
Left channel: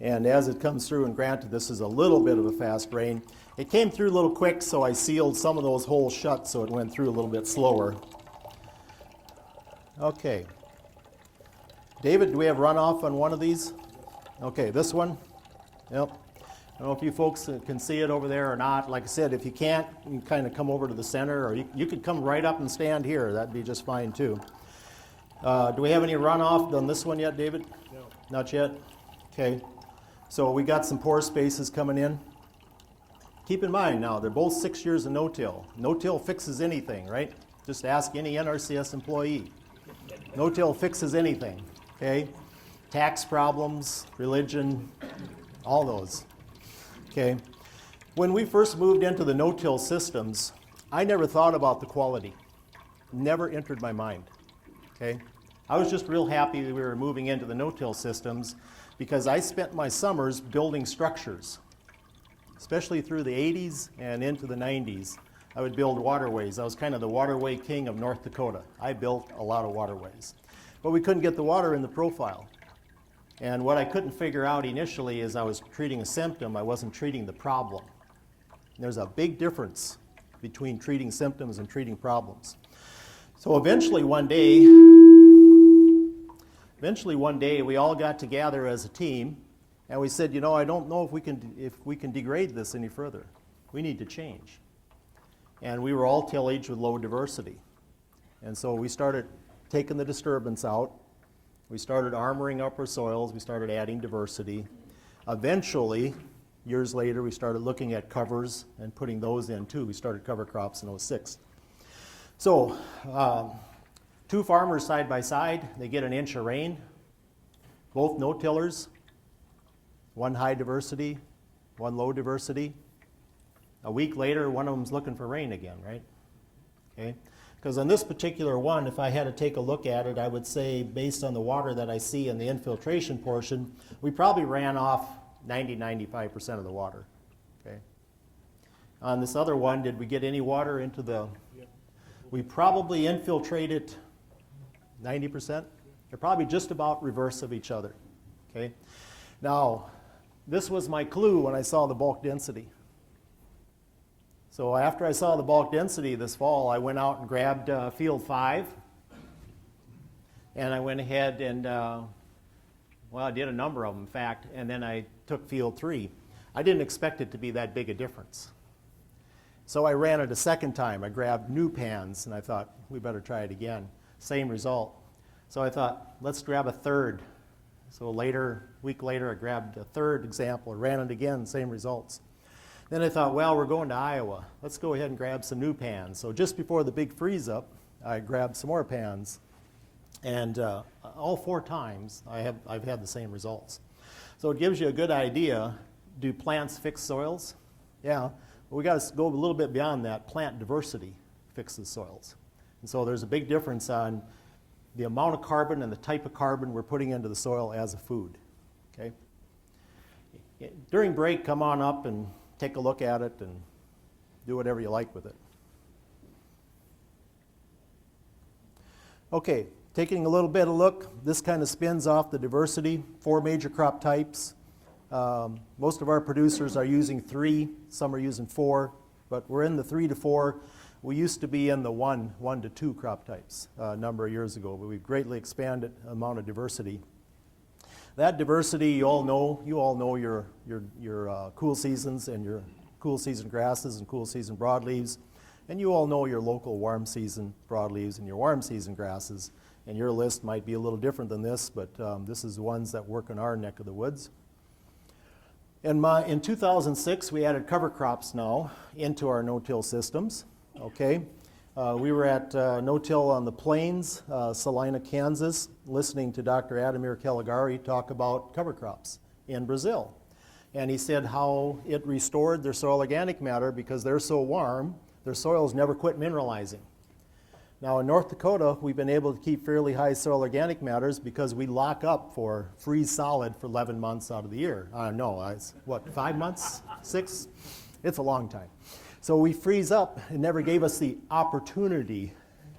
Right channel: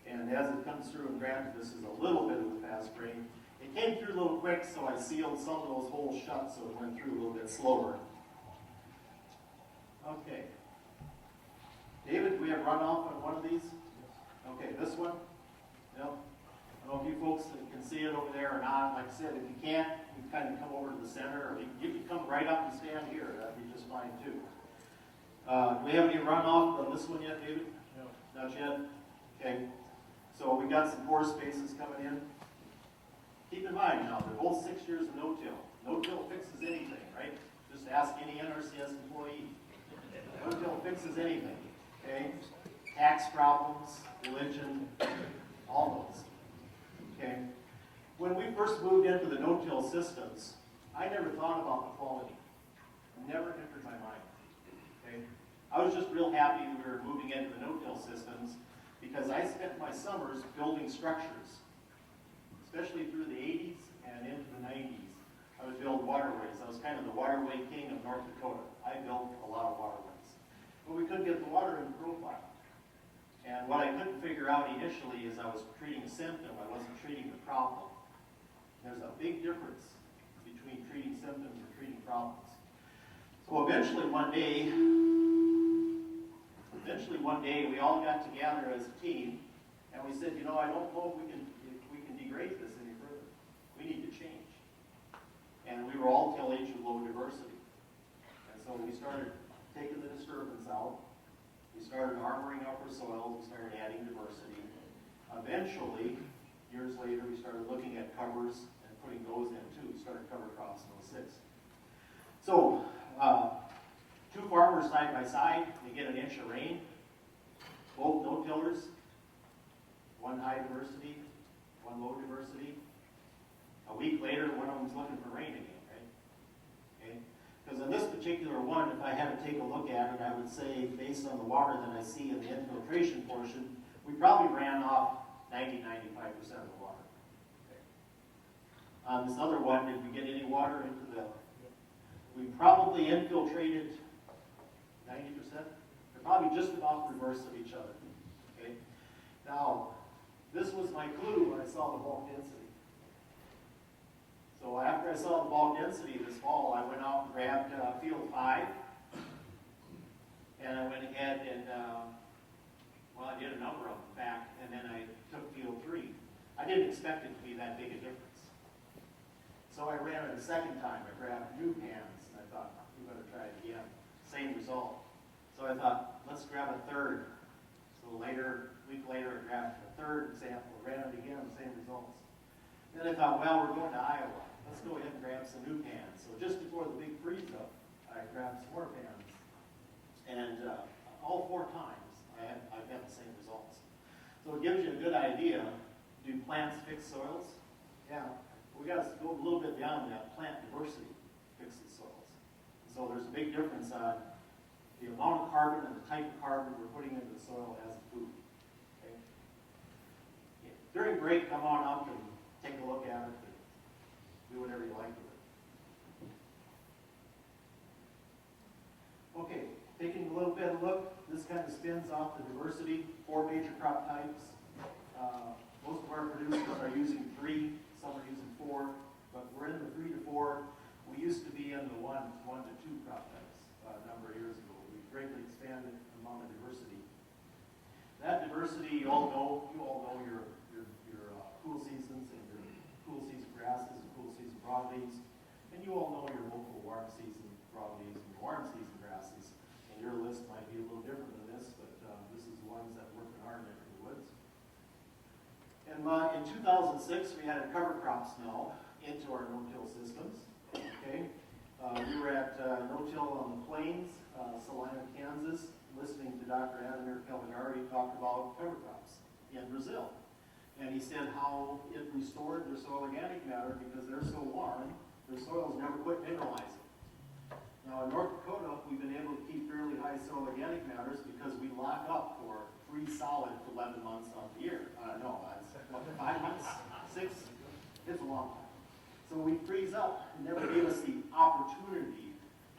And as it comes through, and granted this is a little bit of a fast rain, it came through a little quick, so I sealed some of those holes shut so it went through a little bit slower. Okay. David, do we have runoff on one of these? Okay, this one? Yep. I don't know if you folks can see it over there or not. Like I said, if you can't, you can kind of come over to the center, or you could come right up and stand here. That'd be just fine too. Do we have any runoff on this one yet, David? No. Not yet? Okay. So we got some pore spaces coming in. Keep in mind now, they're both 6 years of no-till. No-till fixes anything, right? Just ask any NRCS employee. No-till fixes anything, okay? Tax problems, religion, all those. Okay, when we first moved into the no-till systems, I never thought about the quality. Never entered my mind. Okay, I was just real happy that we were moving into the no-till systems because I spent my summers building structures, especially through the 80s and into the 90s. I would build waterways. I was kind of the waterway king of North Dakota. I built a lot of waterways, but we couldn't get the water in the profile. And what I couldn't figure out initially is I was treating a symptom, I wasn't treating the problem. There's a big difference between treating symptoms and treating problems. So eventually one day, we all got together as a team and we said, you know, I don't know if we can degrade this any further. We need to change. And we were all tillage with low diversity. And so we started taking the disturbance out. We started armoring up our soils, we started adding diversity. Eventually, years later, we started looking at covers and putting those in too. We started cover crops in 2006. So, 2 farmers side by side, they get an inch of rain, both no-tillers, 1 high diversity, 1 low diversity. A week later, one of them's looking for rain again, right? Okay. Because on this particular one, if I had to take a look at it, I would say, based on the water that I see in the infiltration portion, we probably ran off 90–95% of the water. Okay. On this other one, did we get any water into the... Yeah. We probably infiltrated 90%. They're probably just about reverse of each other. Okay. Now, this was my clue when I saw the bulk density. So after I saw the bulk density this fall, I went out and grabbed field 5. And I went ahead and, well, I did a number of them, in fact, and then I took field 3. I didn't expect it to be that big a difference. So I ran it a second time. I grabbed new pans, and I thought, we better try it again. Same result. So I thought, let's grab a third. So later, a week later, I grabbed a third example, ran it again, same results. Then I thought, well, we're going to Iowa. Let's go ahead and grab some new pans. So just before the big freeze up, I grabbed some more pans. And all 4 times, I've had the same results. So it gives you a good idea. Do plants fix soils? Yeah. But we got to go a little bit beyond that. Plant diversity fixes soils. And so there's a big difference on the amount of carbon and the type of carbon we're putting into the soil as a food. Okay? During break, come on up and take a look at it and do whatever you like with it. Okay, taking a little bit of look, this kind of spins off the diversity, 4 major crop types. Most of our producers are using 3, some are using 4, but we're in the 3 to 4. We used to be in the 1 to 2 crop types a number of years ago, but we've greatly expanded the amount of diversity. That diversity, you all know your cool seasons and your cool season grasses and cool season broadleaves, and you all know your local warm season broadleaves and your warm season grasses, and your list might be a little different than this, but this is the ones that work in our neck of the woods. In 2006, we added cover crops now into our no-till systems. Okay, we were at no-till on the plains, Salina, Kansas, listening to Dr. Ademir Caligari talk about cover crops in Brazil. And he said how it restored their soil organic matter because they're so warm, their soils never quit mineralizing. Now in North Dakota, we've been able to keep fairly high soil organic matters because we lock up for freeze solid for 11 months out of the year. No, it's what, 5 months, 6? It's a long time. So we freeze up. It never gave us the opportunity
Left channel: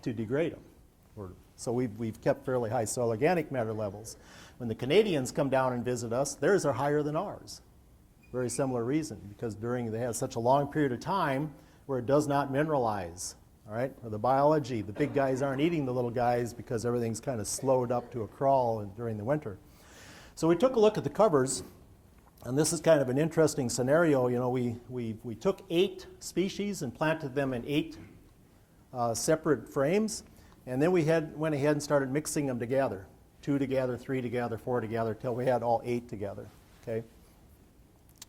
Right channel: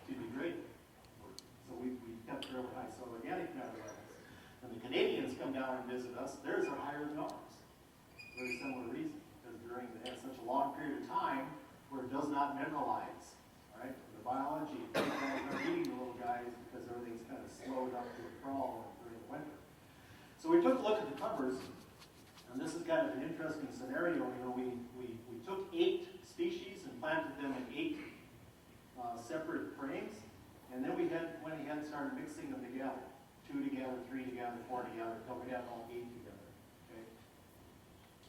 to degrade them. So we've kept fairly high soil organic matter levels. When the Canadians come down and visit us, theirs are higher than ours. Very similar reason, because they have such a long period of time where it does not mineralize. All right, the biology, the big guys aren't eating the little guys because everything's kind of slowed up to a crawl during the winter. So we took a look at the covers, and this is kind of an interesting scenario. You know, we took 8 species and planted them in 8 separate frames, and then we went ahead and started mixing them together. 2 together, 3 together, 4 together, till we had all 8 together. Okay.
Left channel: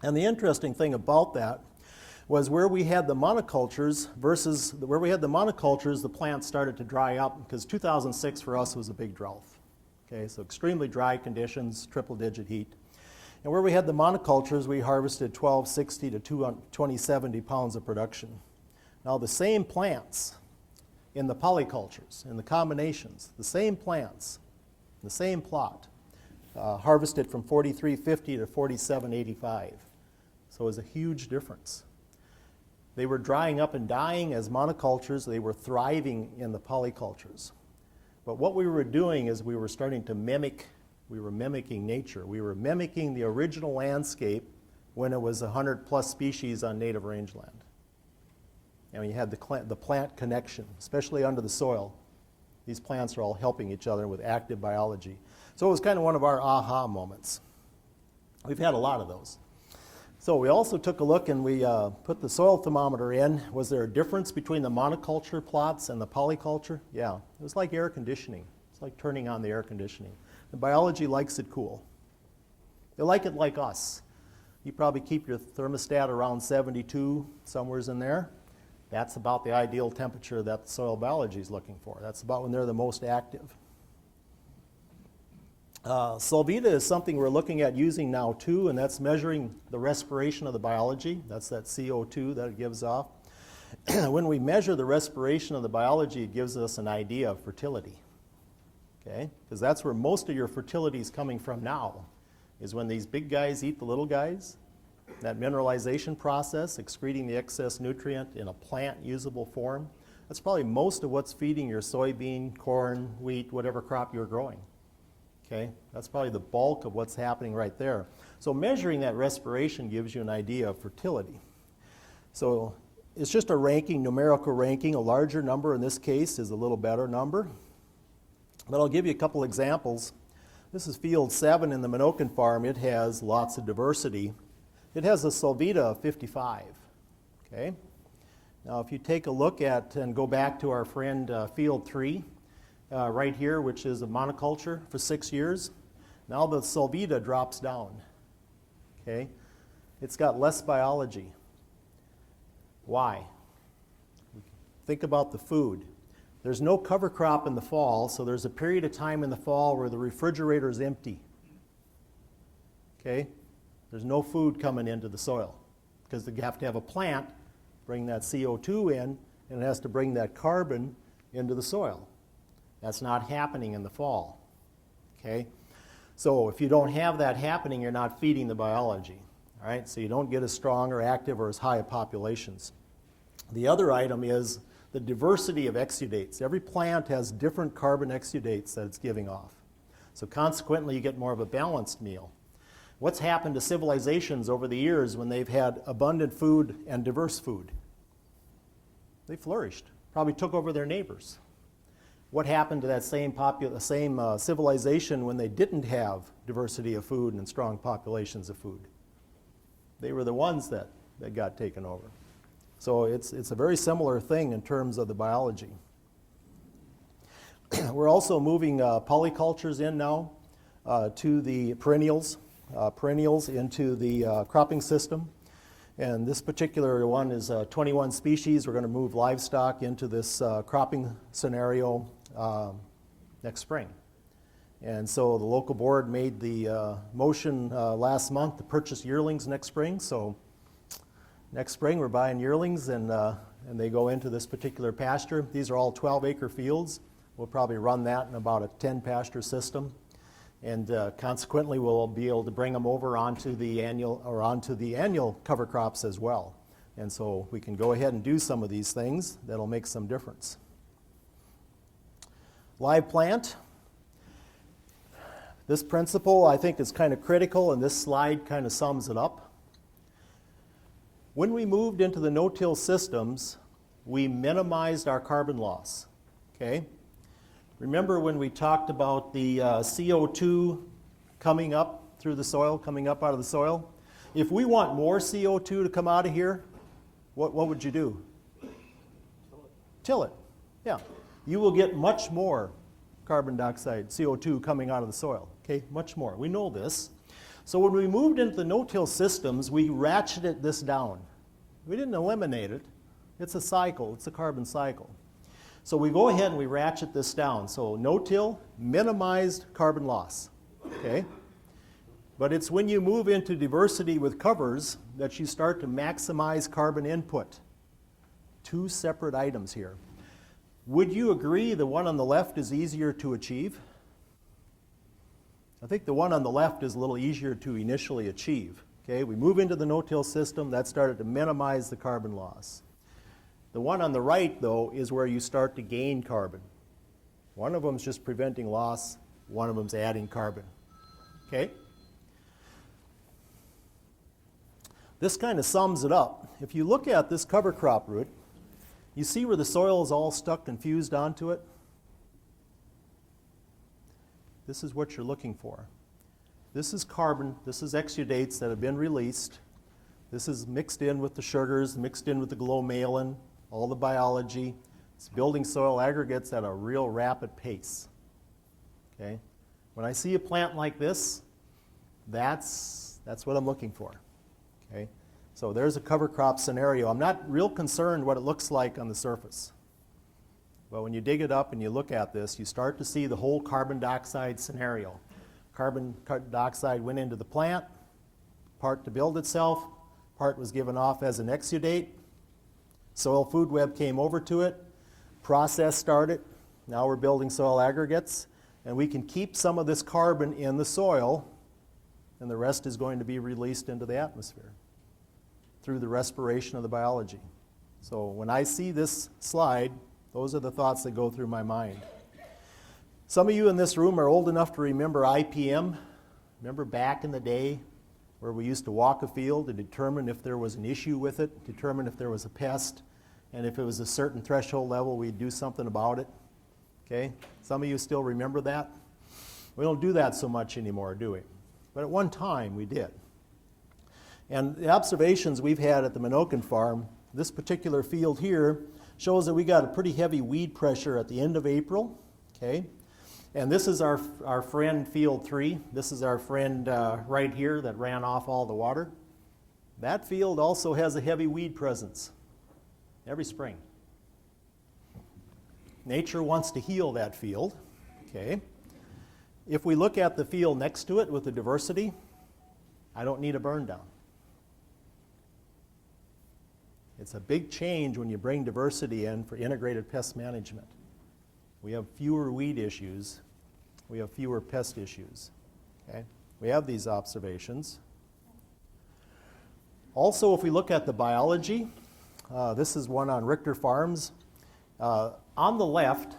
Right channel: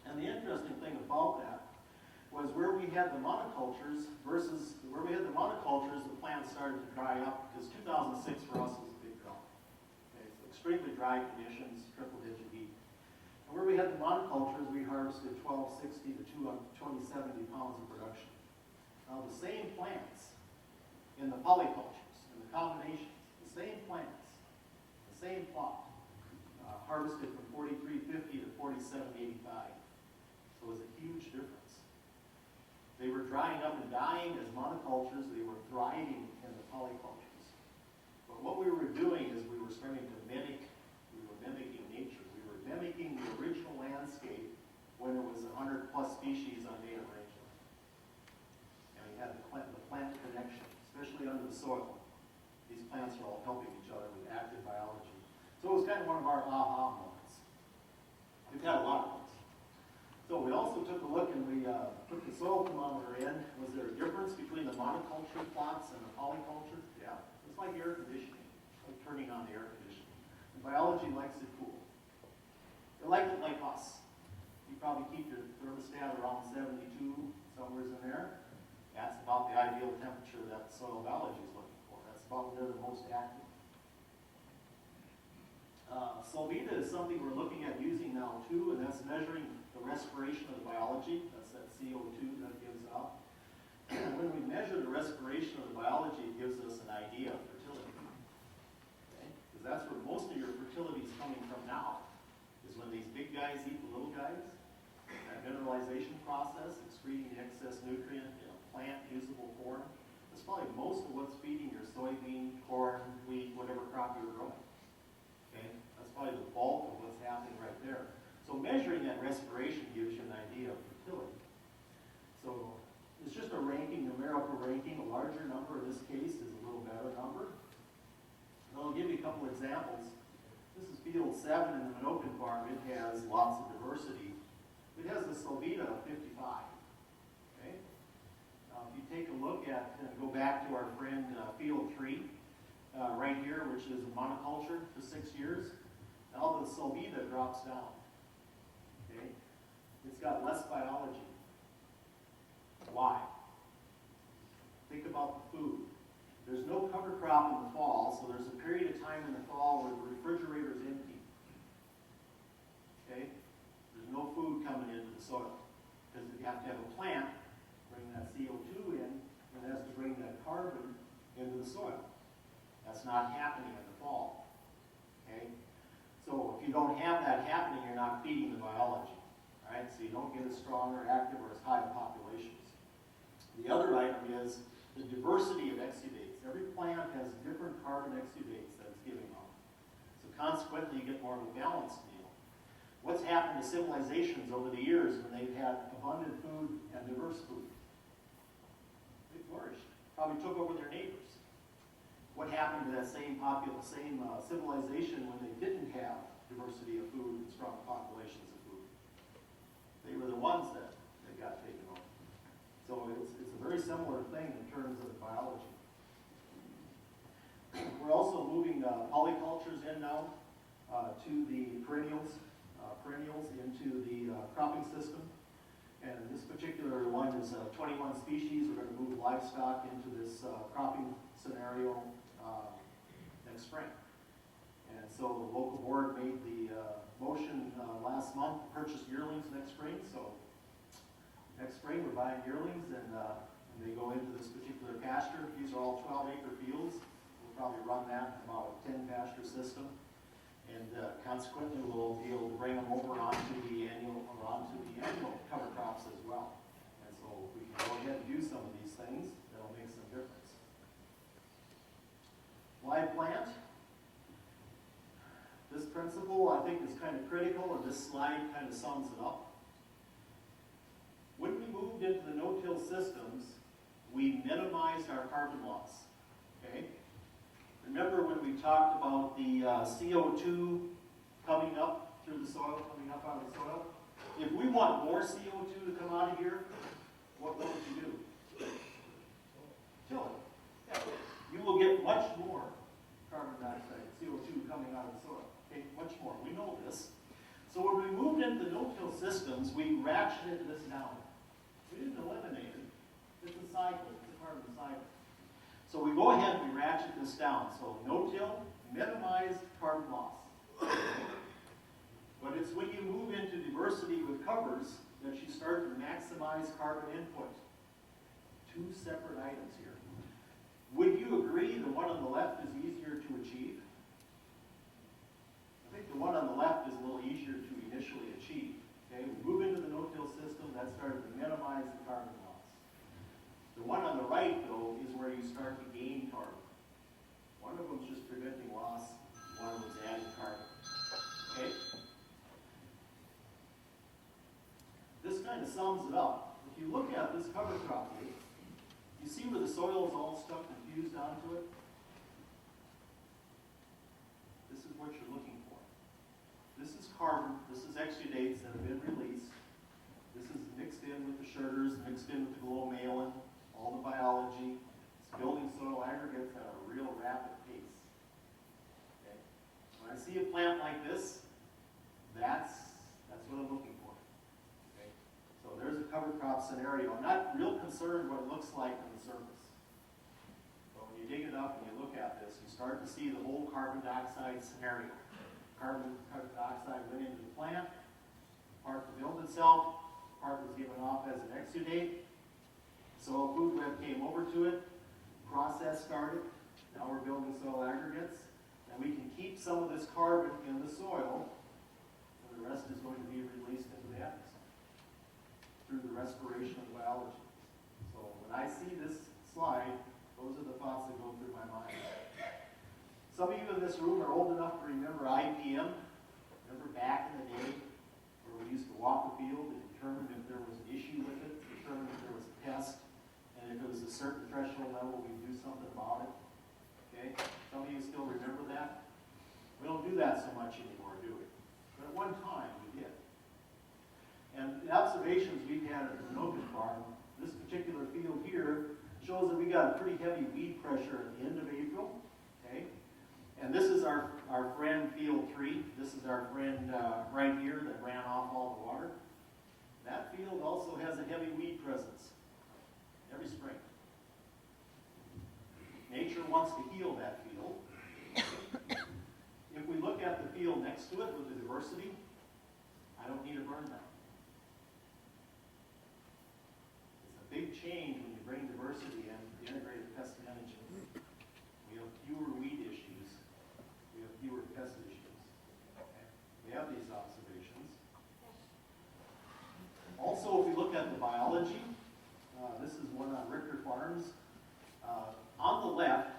And the interesting thing about that was where we had the monocultures versus where we had the monocultures, the plants started to dry up because 2006 for us was a big drought. Okay, so extremely dry conditions, triple-digit heat. And where we had the monocultures, we harvested 1260 to 2070 pounds of production. Now the same plants in the polycultures, in the combinations, the same plants, the same plot, harvested from 4350 to 4785. So it was a huge difference. They were drying up and dying as monocultures. They were thriving in the polycultures. But what we were doing is we were starting to mimicking nature. We were mimicking the original landscape when it was 100 plus species on native rangeland. And you had the plant connection, especially under the soil. These plants are all helping each other with active biology. So it was kind of one of our aha moments. We've had a lot of those. So we also took a look and we put the soil thermometer in. Was there a difference between the monoculture plots and the polyculture? Yeah, it was like air conditioning. It's like turning on the air conditioning. The biology likes it cool. They like it like us. You probably keep your thermostat around 72, somewheres in there. That's about the ideal temperature that the soil biology is looking for. That's about when they're the most active. Solvita is something we're looking at using now too, and that's measuring the respiration of the biology. That's that CO2 that it gives off. When we measure the respiration of the biology, it gives us an idea of fertility. Okay? Because that's where most of your fertility is coming from now, is when these big guys eat the little guys. That mineralization process, excreting the excess nutrient in a plant usable form, that's probably most of what's feeding your soybean, corn, wheat, whatever crop you're growing. Okay? That's probably the bulk of what's happening right there. So measuring that respiration gives you an idea of fertility. So it's just a ranking, numerical ranking. A larger number in this case is a little better number. But I'll give you a couple examples. This is field 7 in the Minokan farm. It has lots of diversity. It has a Solvita of 55. Okay? Now if you take a look at and go back to our friend field 3, right here, which is a monoculture for 6 years. Now the Solvita drops down. Okay, it's got less biology. Why? Think about the food. There's no cover crop in the fall, so there's a period of time in the fall where the refrigerator is empty. Okay? There's no food coming into the soil because you have to have a plant bring that CO2 in, and it has to bring that carbon into the soil. That's not happening in the fall. Okay? So if you don't have that happening, you're not feeding the biology. All right? So you don't get as strong or active or as high of populations. The other item is the diversity of exudates. Every plant has different carbon exudates that it's giving off. So consequently, you get more of a balanced meal. What's happened to civilizations over the years when they've had abundant food and diverse food? They flourished, probably took over their neighbors. What happened to that same civilization when they didn't have diversity of food and strong populations of food? They were the ones that got taken over. So it's a very similar thing in terms of the biology. We're also moving polycultures in now to the perennials into the cropping system. And this particular one is 21 species. We're going to move livestock into this cropping scenario next spring. And so the local board made the motion last month to purchase yearlings next spring. So next spring we're buying yearlings, and they go into this particular pasture. These are all 12-acre fields. We'll probably run that in about a 10-pasture system. And consequently, we'll be able to bring them over onto the annual cover crops as well. And so we can go ahead and do some of these things that'll make some difference. Live plant. This principle, I think, is kind of critical, and this slide kind of sums it up. When we moved into the no-till systems, we minimized our carbon loss. Okay? Remember when we talked about the CO2 coming up through the soil, coming up out of the soil? If we want more CO2 to come out of here, what would you do? Till it. Yeah. You will get much more carbon dioxide, CO2 coming out of the soil. Okay, much more. We know this. So when we moved into the no-till systems, we ratcheted this down. We didn't eliminate it. It's a cycle. It's a carbon cycle. So we go ahead and we ratchet this down. So no-till, minimized carbon loss. Okay? But it's when you move into diversity with covers that you start to maximize carbon input. Two separate items here. Would you agree the one on the left is easier to achieve? I think the one on the left is a little easier to initially achieve. Okay? We move into the no-till system, that started to minimize the carbon loss. The one on the right, though, is where you start to gain carbon. One of them is just preventing loss, one of them is adding carbon. Okay? This kind of sums it up. If you look at this cover crop root, you see where the soil is all stuck and fused onto it? This is what you're looking for. This is carbon, this is exudates that have been released. This is mixed in with the sugars, mixed in with the glomalin, all the biology. It's building soil aggregates at a real rapid pace. Okay? When I see a plant like this, that's what I'm looking for. Okay? So there's a cover crop scenario. I'm not real concerned what it looks like on the surface. But when you dig it up and you look at this, you start to see the whole carbon dioxide scenario. Carbon dioxide went into the plant, part to build itself, part was given off as an exudate. Soil food web came over to it, process started, now we're building soil aggregates, and we can keep some of this carbon in the soil, and the rest is going to be released into the atmosphere through the respiration of the biology. So when I see this slide, those are the thoughts that go through my mind. Some of you in this room are old enough to remember IPM. Remember back in the day where we used to walk a field to determine if there was an issue with it, determine if there was a pest, and if it was a certain threshold level, we'd do something about it. Okay? Some of you still remember that? We don't do that so much anymore, do we? But at one time, we did. And the observations we've had at the Minokan farm, this particular field here shows that we got a pretty heavy weed pressure at the end of April. Okay? And this is our friend field 3. This is our friend right here that ran off all the water. That field also has a heavy weed presence. every spring. Nature wants to heal that field. Okay. If we look at the field next to it with the diversity, I don't need a burn down. It's a big change when you bring diversity in for integrated pest management. We have fewer weed issues. We have fewer pest issues. Okay? We have these observations. Also, if we look at the biology, this is one on Richter Farms. On the left,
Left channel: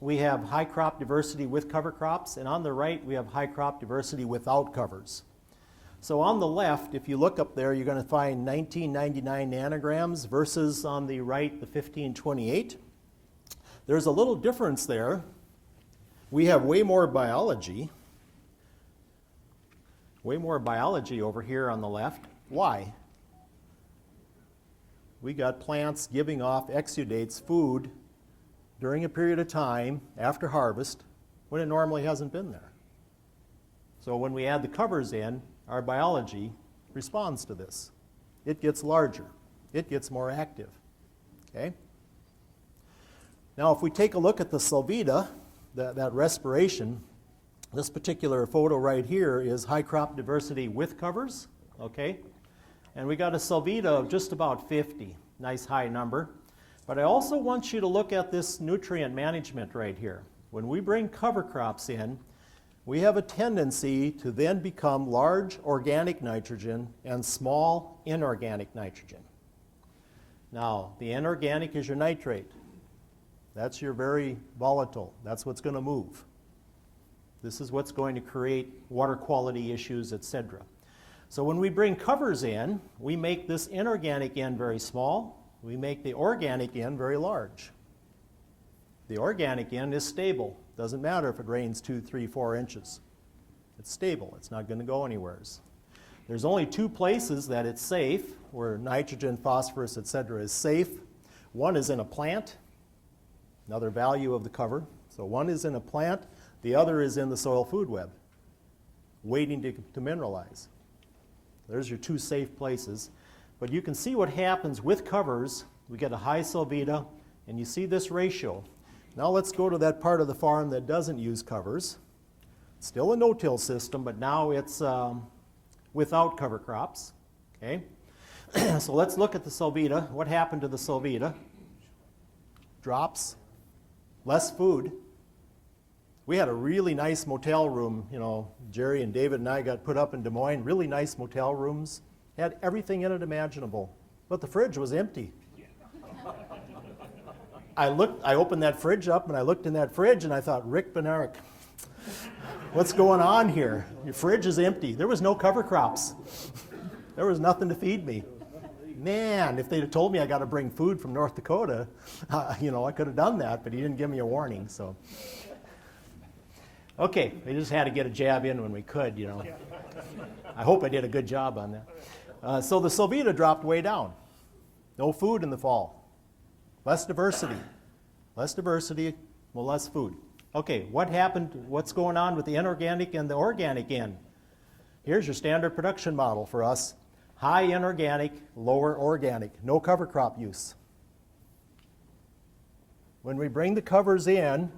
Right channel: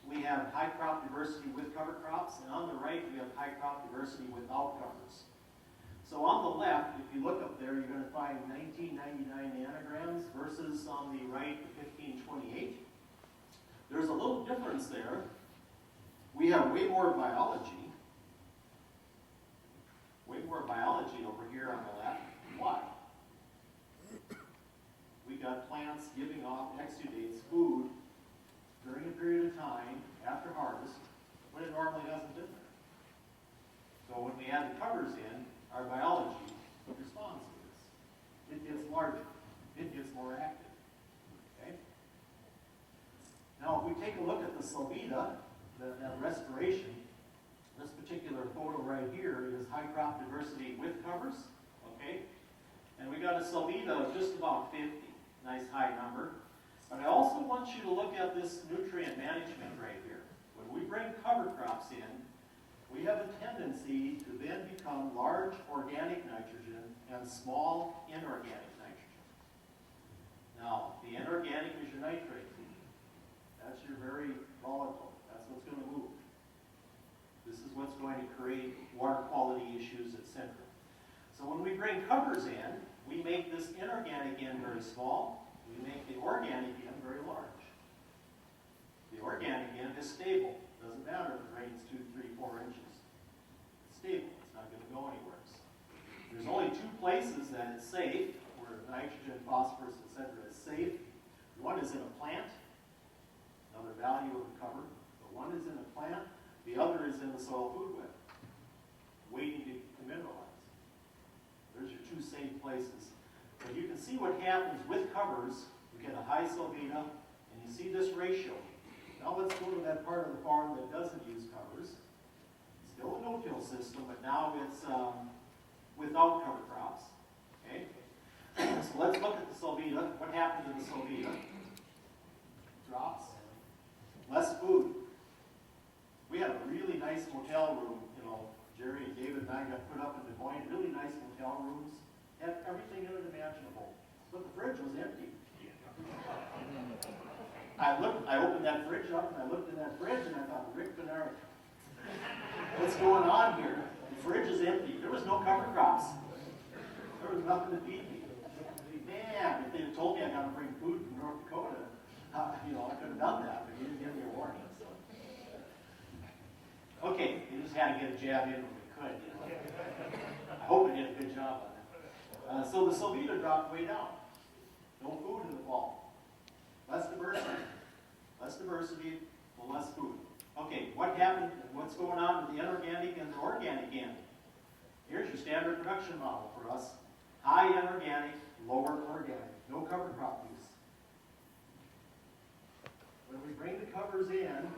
we have high crop diversity with cover crops, and on the right, we have high crop diversity without covers. So on the left, if you look up there, you're going to find 1999 nanograms versus on the right, the 1528. There's a little difference there. We have way more biology over here on the left. Why? We got plants giving off exudates, food, during a period of time after harvest when it normally hasn't been there. So when we add the covers in, our biology responds to this. It gets larger. It gets more active. Okay? Now if we take a look at the salvia, that respiration, this particular photo right here is high crop diversity with covers. Okay? And we got a salvia of just about 50. Nice high number. But I also want you to look at this nutrient management right here. When we bring cover crops in, we have a tendency to then become large organic nitrogen and small inorganic nitrogen. Now, the inorganic is your nitrate. That's your very volatile. That's what's going to move. This is what's going to create water quality issues, etc. So when we bring covers in, we make this inorganic end very small. We make the organic end very large. The organic end is stable. Doesn't matter if it rains 2, 3, 4 inches. It's stable. It's not going to go anywhere. There's only 2 places that it's safe, where nitrogen, phosphorus, etc. is safe. One is in a plant, another value of the cover. So one is in a plant, the other is in the soil food web, waiting to mineralize. There's your 2 safe places. But you can see what happens with covers. We get a high salvia, and you see this ratio. Now let's go to that part of the farm that doesn't use covers. Still a no-till system, but now it's without cover crops. Okay? So let's look at the salvia. What happened to the salvia? Drops. Less food. We had a really nice motel room. You know, Jerry and David and I got put up in Des Moines. Really nice motel rooms. Had everything in it imaginable. But the fridge was empty. I opened that fridge up and I looked in that fridge and I thought, Rick Benaric, what's going on here? Your fridge is empty. There was no cover crops. There was nothing to feed me. Man, if they'd have told me I got to bring food from North Dakota, you know, I could have done that, but he didn't give me a warning, so. Okay, we just had to get a jab in when we could, you know. I hope I did a good job on that. So the salvia dropped way down. No food in the fall. Less diversity. Less diversity, well, less food. Okay, what happened? What's going on with the inorganic and the organic end? Here's your standard production model for us. High inorganic, lower organic. No cover crop use. When we bring the covers in,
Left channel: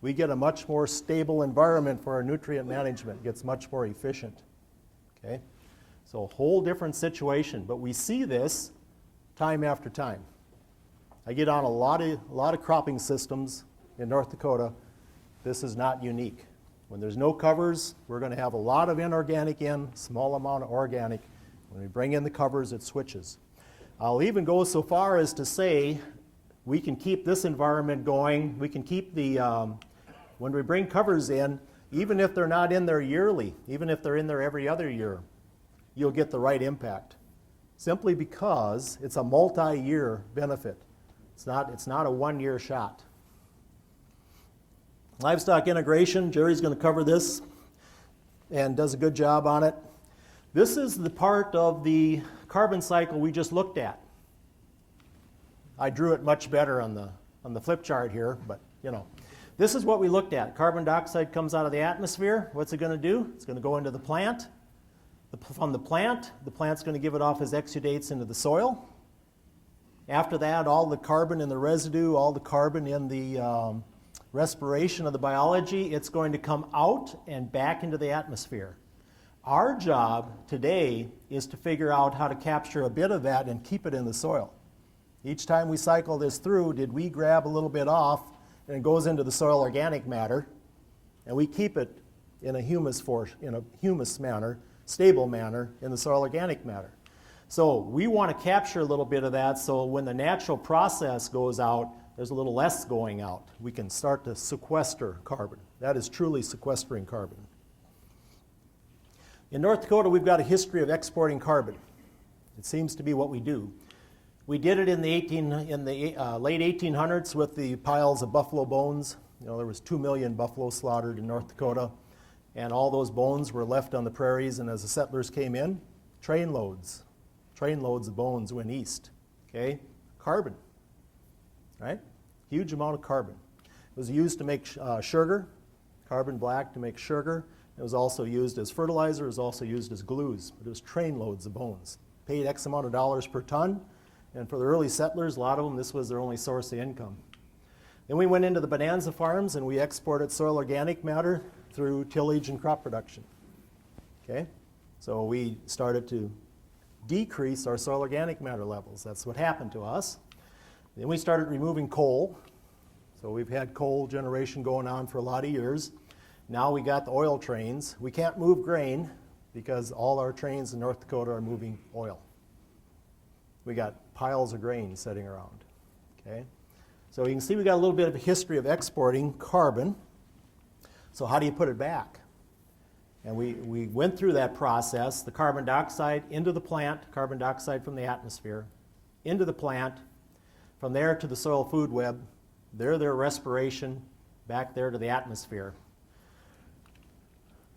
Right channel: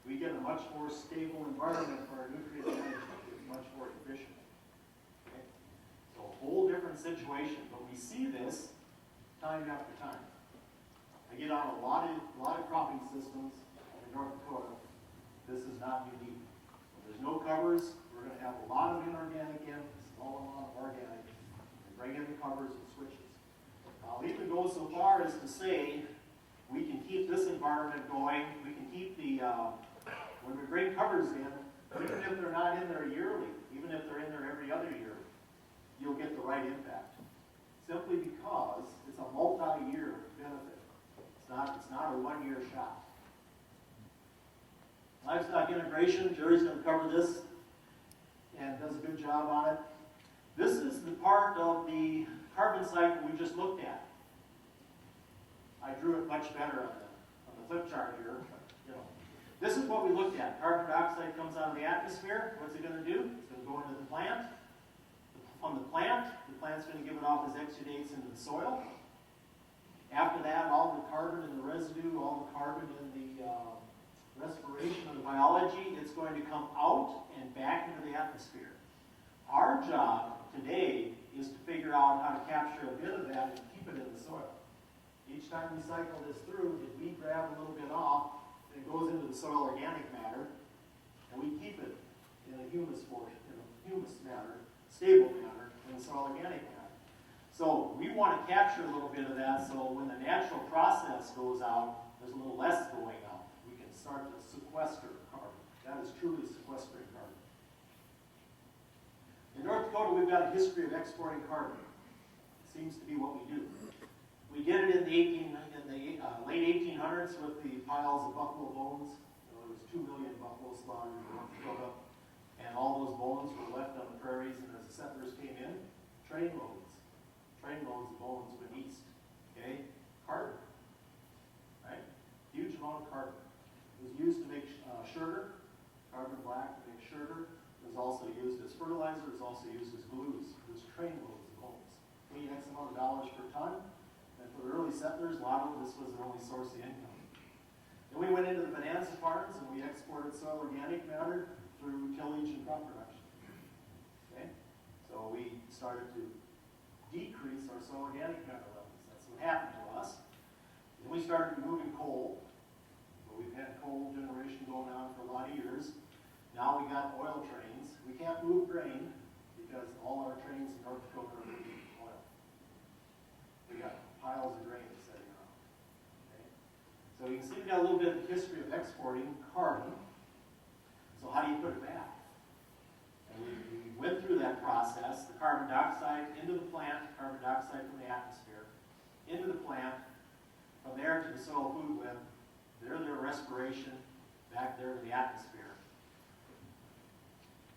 we get a much more stable environment for our nutrient management. It gets much more efficient. Okay? So a whole different situation, but we see this time after time. I get on a lot of cropping systems in North Dakota. This is not unique. When there's no covers, we're going to have a lot of inorganic in, small amount of organic. When we bring in the covers, it switches. I'll even go so far as to say we can keep this environment going. We can keep the, when we bring covers in, even if they're not in there yearly, even if they're in there every other year, you'll get the right impact. Simply because it's a multi-year benefit. It's not a one-year shot. Livestock integration, Jerry's going to cover this and does a good job on it. This is the part of the carbon cycle we just looked at. I drew it much better on the flip chart here, but you know. This is what we looked at. Carbon dioxide comes out of the atmosphere. What's it going to do? It's going to go into the plant. From the plant's going to give it off as exudates into the soil. After that, all the carbon in the residue, all the carbon in the respiration of the biology, it's going to come out and back into the atmosphere. Our job today is to figure out how to capture a bit of that and keep it in the soil. Each time we cycle this through, did we grab a little bit off and it goes into the soil organic matter, and we keep it in a humus manner, stable manner in the soil organic matter. So we want to capture a little bit of that, so when the natural process goes out, there's a little less going out. We can start to sequester carbon. That is truly sequestering carbon. In North Dakota, we've got a history of exporting carbon. It seems to be what we do. We did it in the late 1800s with the piles of buffalo bones. You know, there was 2 million buffalo slaughtered in North Dakota, and all those bones were left on the prairies, and as the settlers came in, trainloads of bones went east. Okay? Carbon, right? Huge amount of carbon. It was used to make sugar, carbon black to make sugar. It was also used as fertilizer. It was also used as glues. But it was trainloads of bones. Paid X amount of dollars per ton. And for the early settlers, a lot of them, this was their only source of income. Then we went into the bonanza farms and we exported soil organic matter through tillage and crop production. Okay? So we started to decrease our soil organic matter levels. That's what happened to us. Then we started removing coal. So we've had coal generation going on for a lot of years. Now we got the oil trains. We can't move grain because all our trains in North Dakota are moving oil. We got piles of grain sitting around. Okay? So you can see we got a little bit of a history of exporting carbon. So how do you put it back? And we went through that process, the carbon dioxide into the plant, carbon dioxide from the atmosphere, into the plant, from there to the soil food web, their respiration, back there to the atmosphere.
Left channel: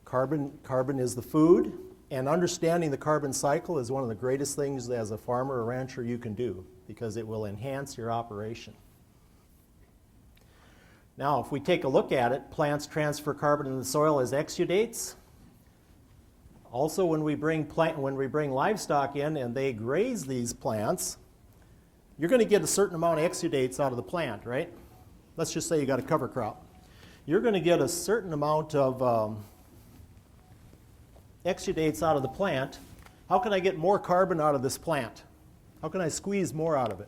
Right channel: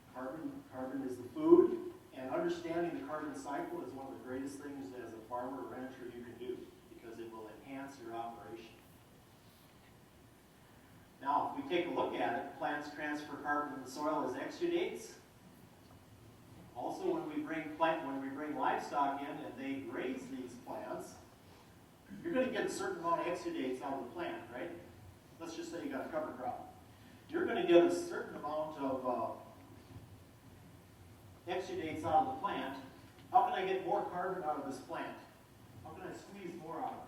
Carbon is the food, and understanding the carbon cycle is one of the greatest things as a farmer or rancher you can do, because it will enhance your operation. Now, if we take a look at it, plants transfer carbon in the soil as exudates. Also, when we bring livestock in and they graze these plants, you're going to get a certain amount of exudates out of the plant, right? Let's just say you got a cover crop. You're going to get a certain amount of exudates out of the plant. How can I get more carbon out of this plant? How can I squeeze more out of it?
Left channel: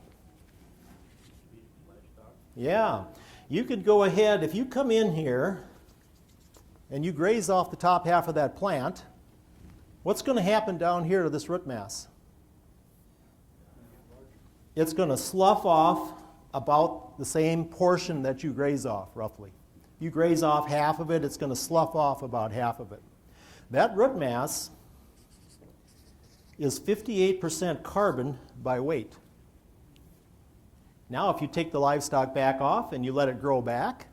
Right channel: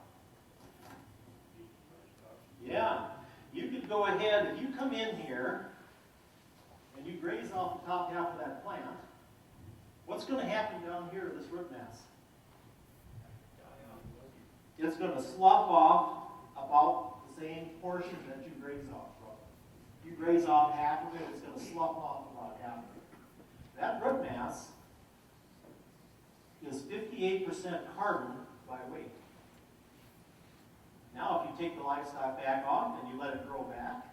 Yeah, you could go ahead, if you come in here and you graze off the top half of that plant, what's going to happen down here to this root mass? It's going to slough off about the same portion that you graze off, roughly. You graze off half of it, it's going to slough off about half of it. That root mass is 58% carbon by weight. Now, if you take the livestock back off and you let it grow back,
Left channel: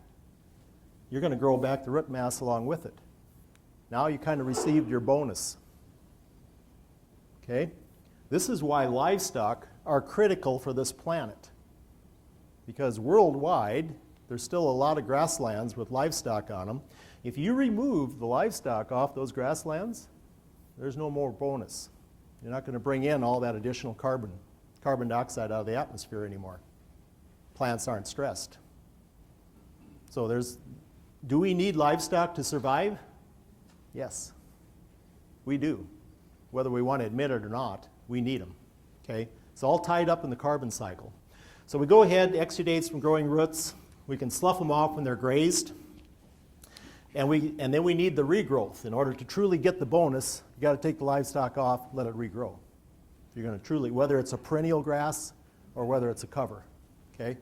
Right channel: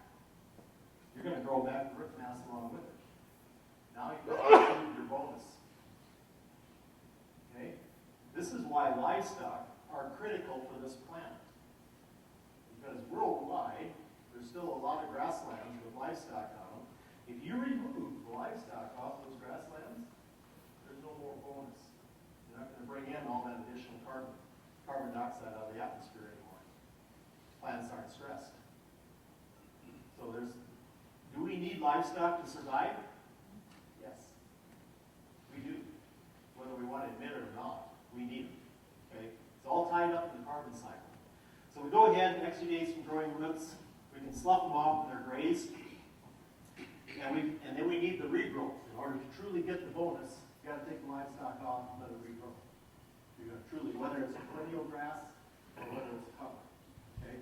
you're going to grow back the root mass along with it. Now you kind of received your bonus. Okay? This is why livestock are critical for this planet. Because worldwide, there's still a lot of grasslands with livestock on them. If you remove the livestock off those grasslands, there's no more bonus. You're not going to bring in all that additional carbon dioxide out of the atmosphere anymore. Plants aren't stressed. So do we need livestock to survive? Yes, we do. Whether we want to admit it or not, we need them. Okay? It's all tied up in the carbon cycle. So we go ahead, exudates from growing roots. We can slough them off when they're grazed. And then we need the regrowth. In order to truly get the bonus, you got to take the livestock off, let it regrow. You're going to truly, whether it's a perennial grass or whether it's a cover. Okay?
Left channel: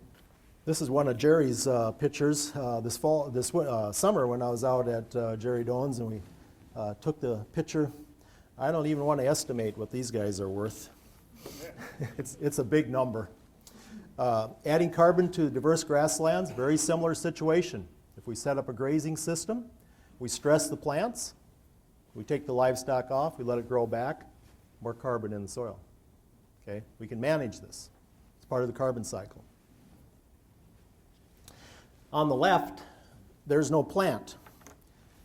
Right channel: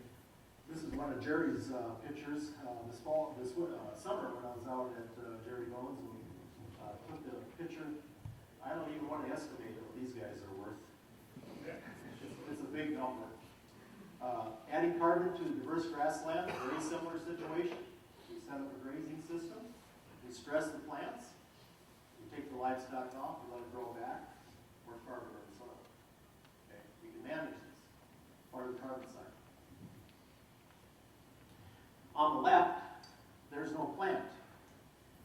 This is one of Jerry's pictures this summer when I was out at Jerry Doan's, and we took the picture. I don't even want to estimate what these guys are worth. It's a big number. Adding carbon to diverse grasslands, very similar situation. If we set up a grazing system, we stress the plants, we take the livestock off, we let it grow back, more carbon in the soil. Okay? We can manage this. It's part of the carbon cycle. On the left, there's no plant.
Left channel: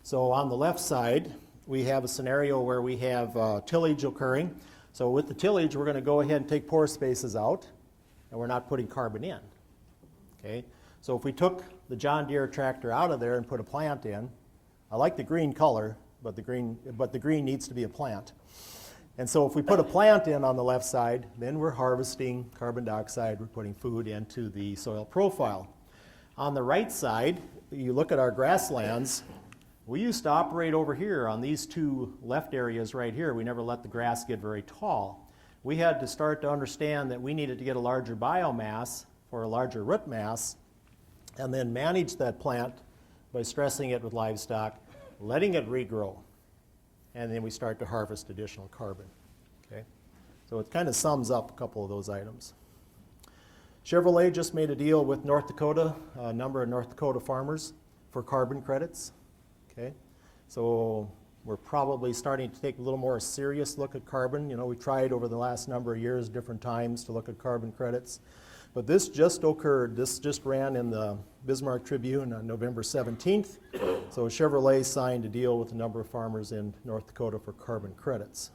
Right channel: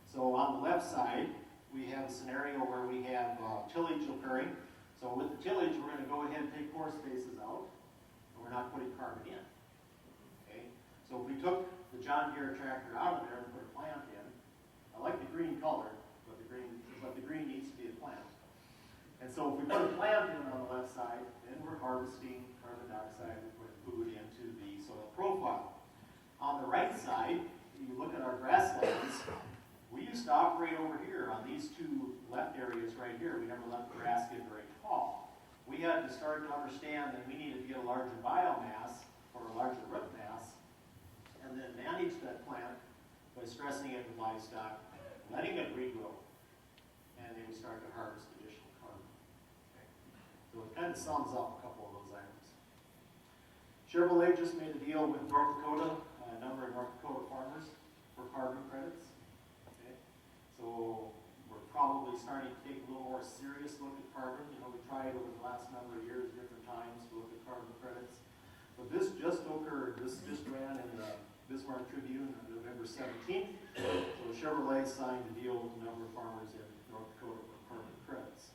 So on the left side, we have a scenario where we have tillage occurring. So with the tillage, we're going to go ahead and take pore spaces out. and we're not putting carbon in. Okay? So if we took the John Deere tractor out of there and put a plant in, I like the green color, but the green needs to be a plant. And so if we put a plant in on the left side, then we're harvesting carbon dioxide, we're putting food into the soil profile. On the right side, you look at our grasslands, we used to operate over here on these two left areas right here. We never let the grass get very tall. We had to start to understand that we needed to get a larger biomass or a larger root mass and then manage that plant by stressing it with livestock, letting it regrow, and then we start to harvest additional carbon. Okay? So it kind of sums up a couple of those items. Chevrolet just made a deal with North Dakota, a number of North Dakota farmers for carbon credits. Okay? So we're probably starting to take a little more serious look at carbon. You know, we tried over the last number of years, different times, to look at carbon credits. But this just occurred, this just ran in the Bismarck Tribune on November 17th. So Chevrolet signed a deal with a number of farmers in North Dakota for carbon credits.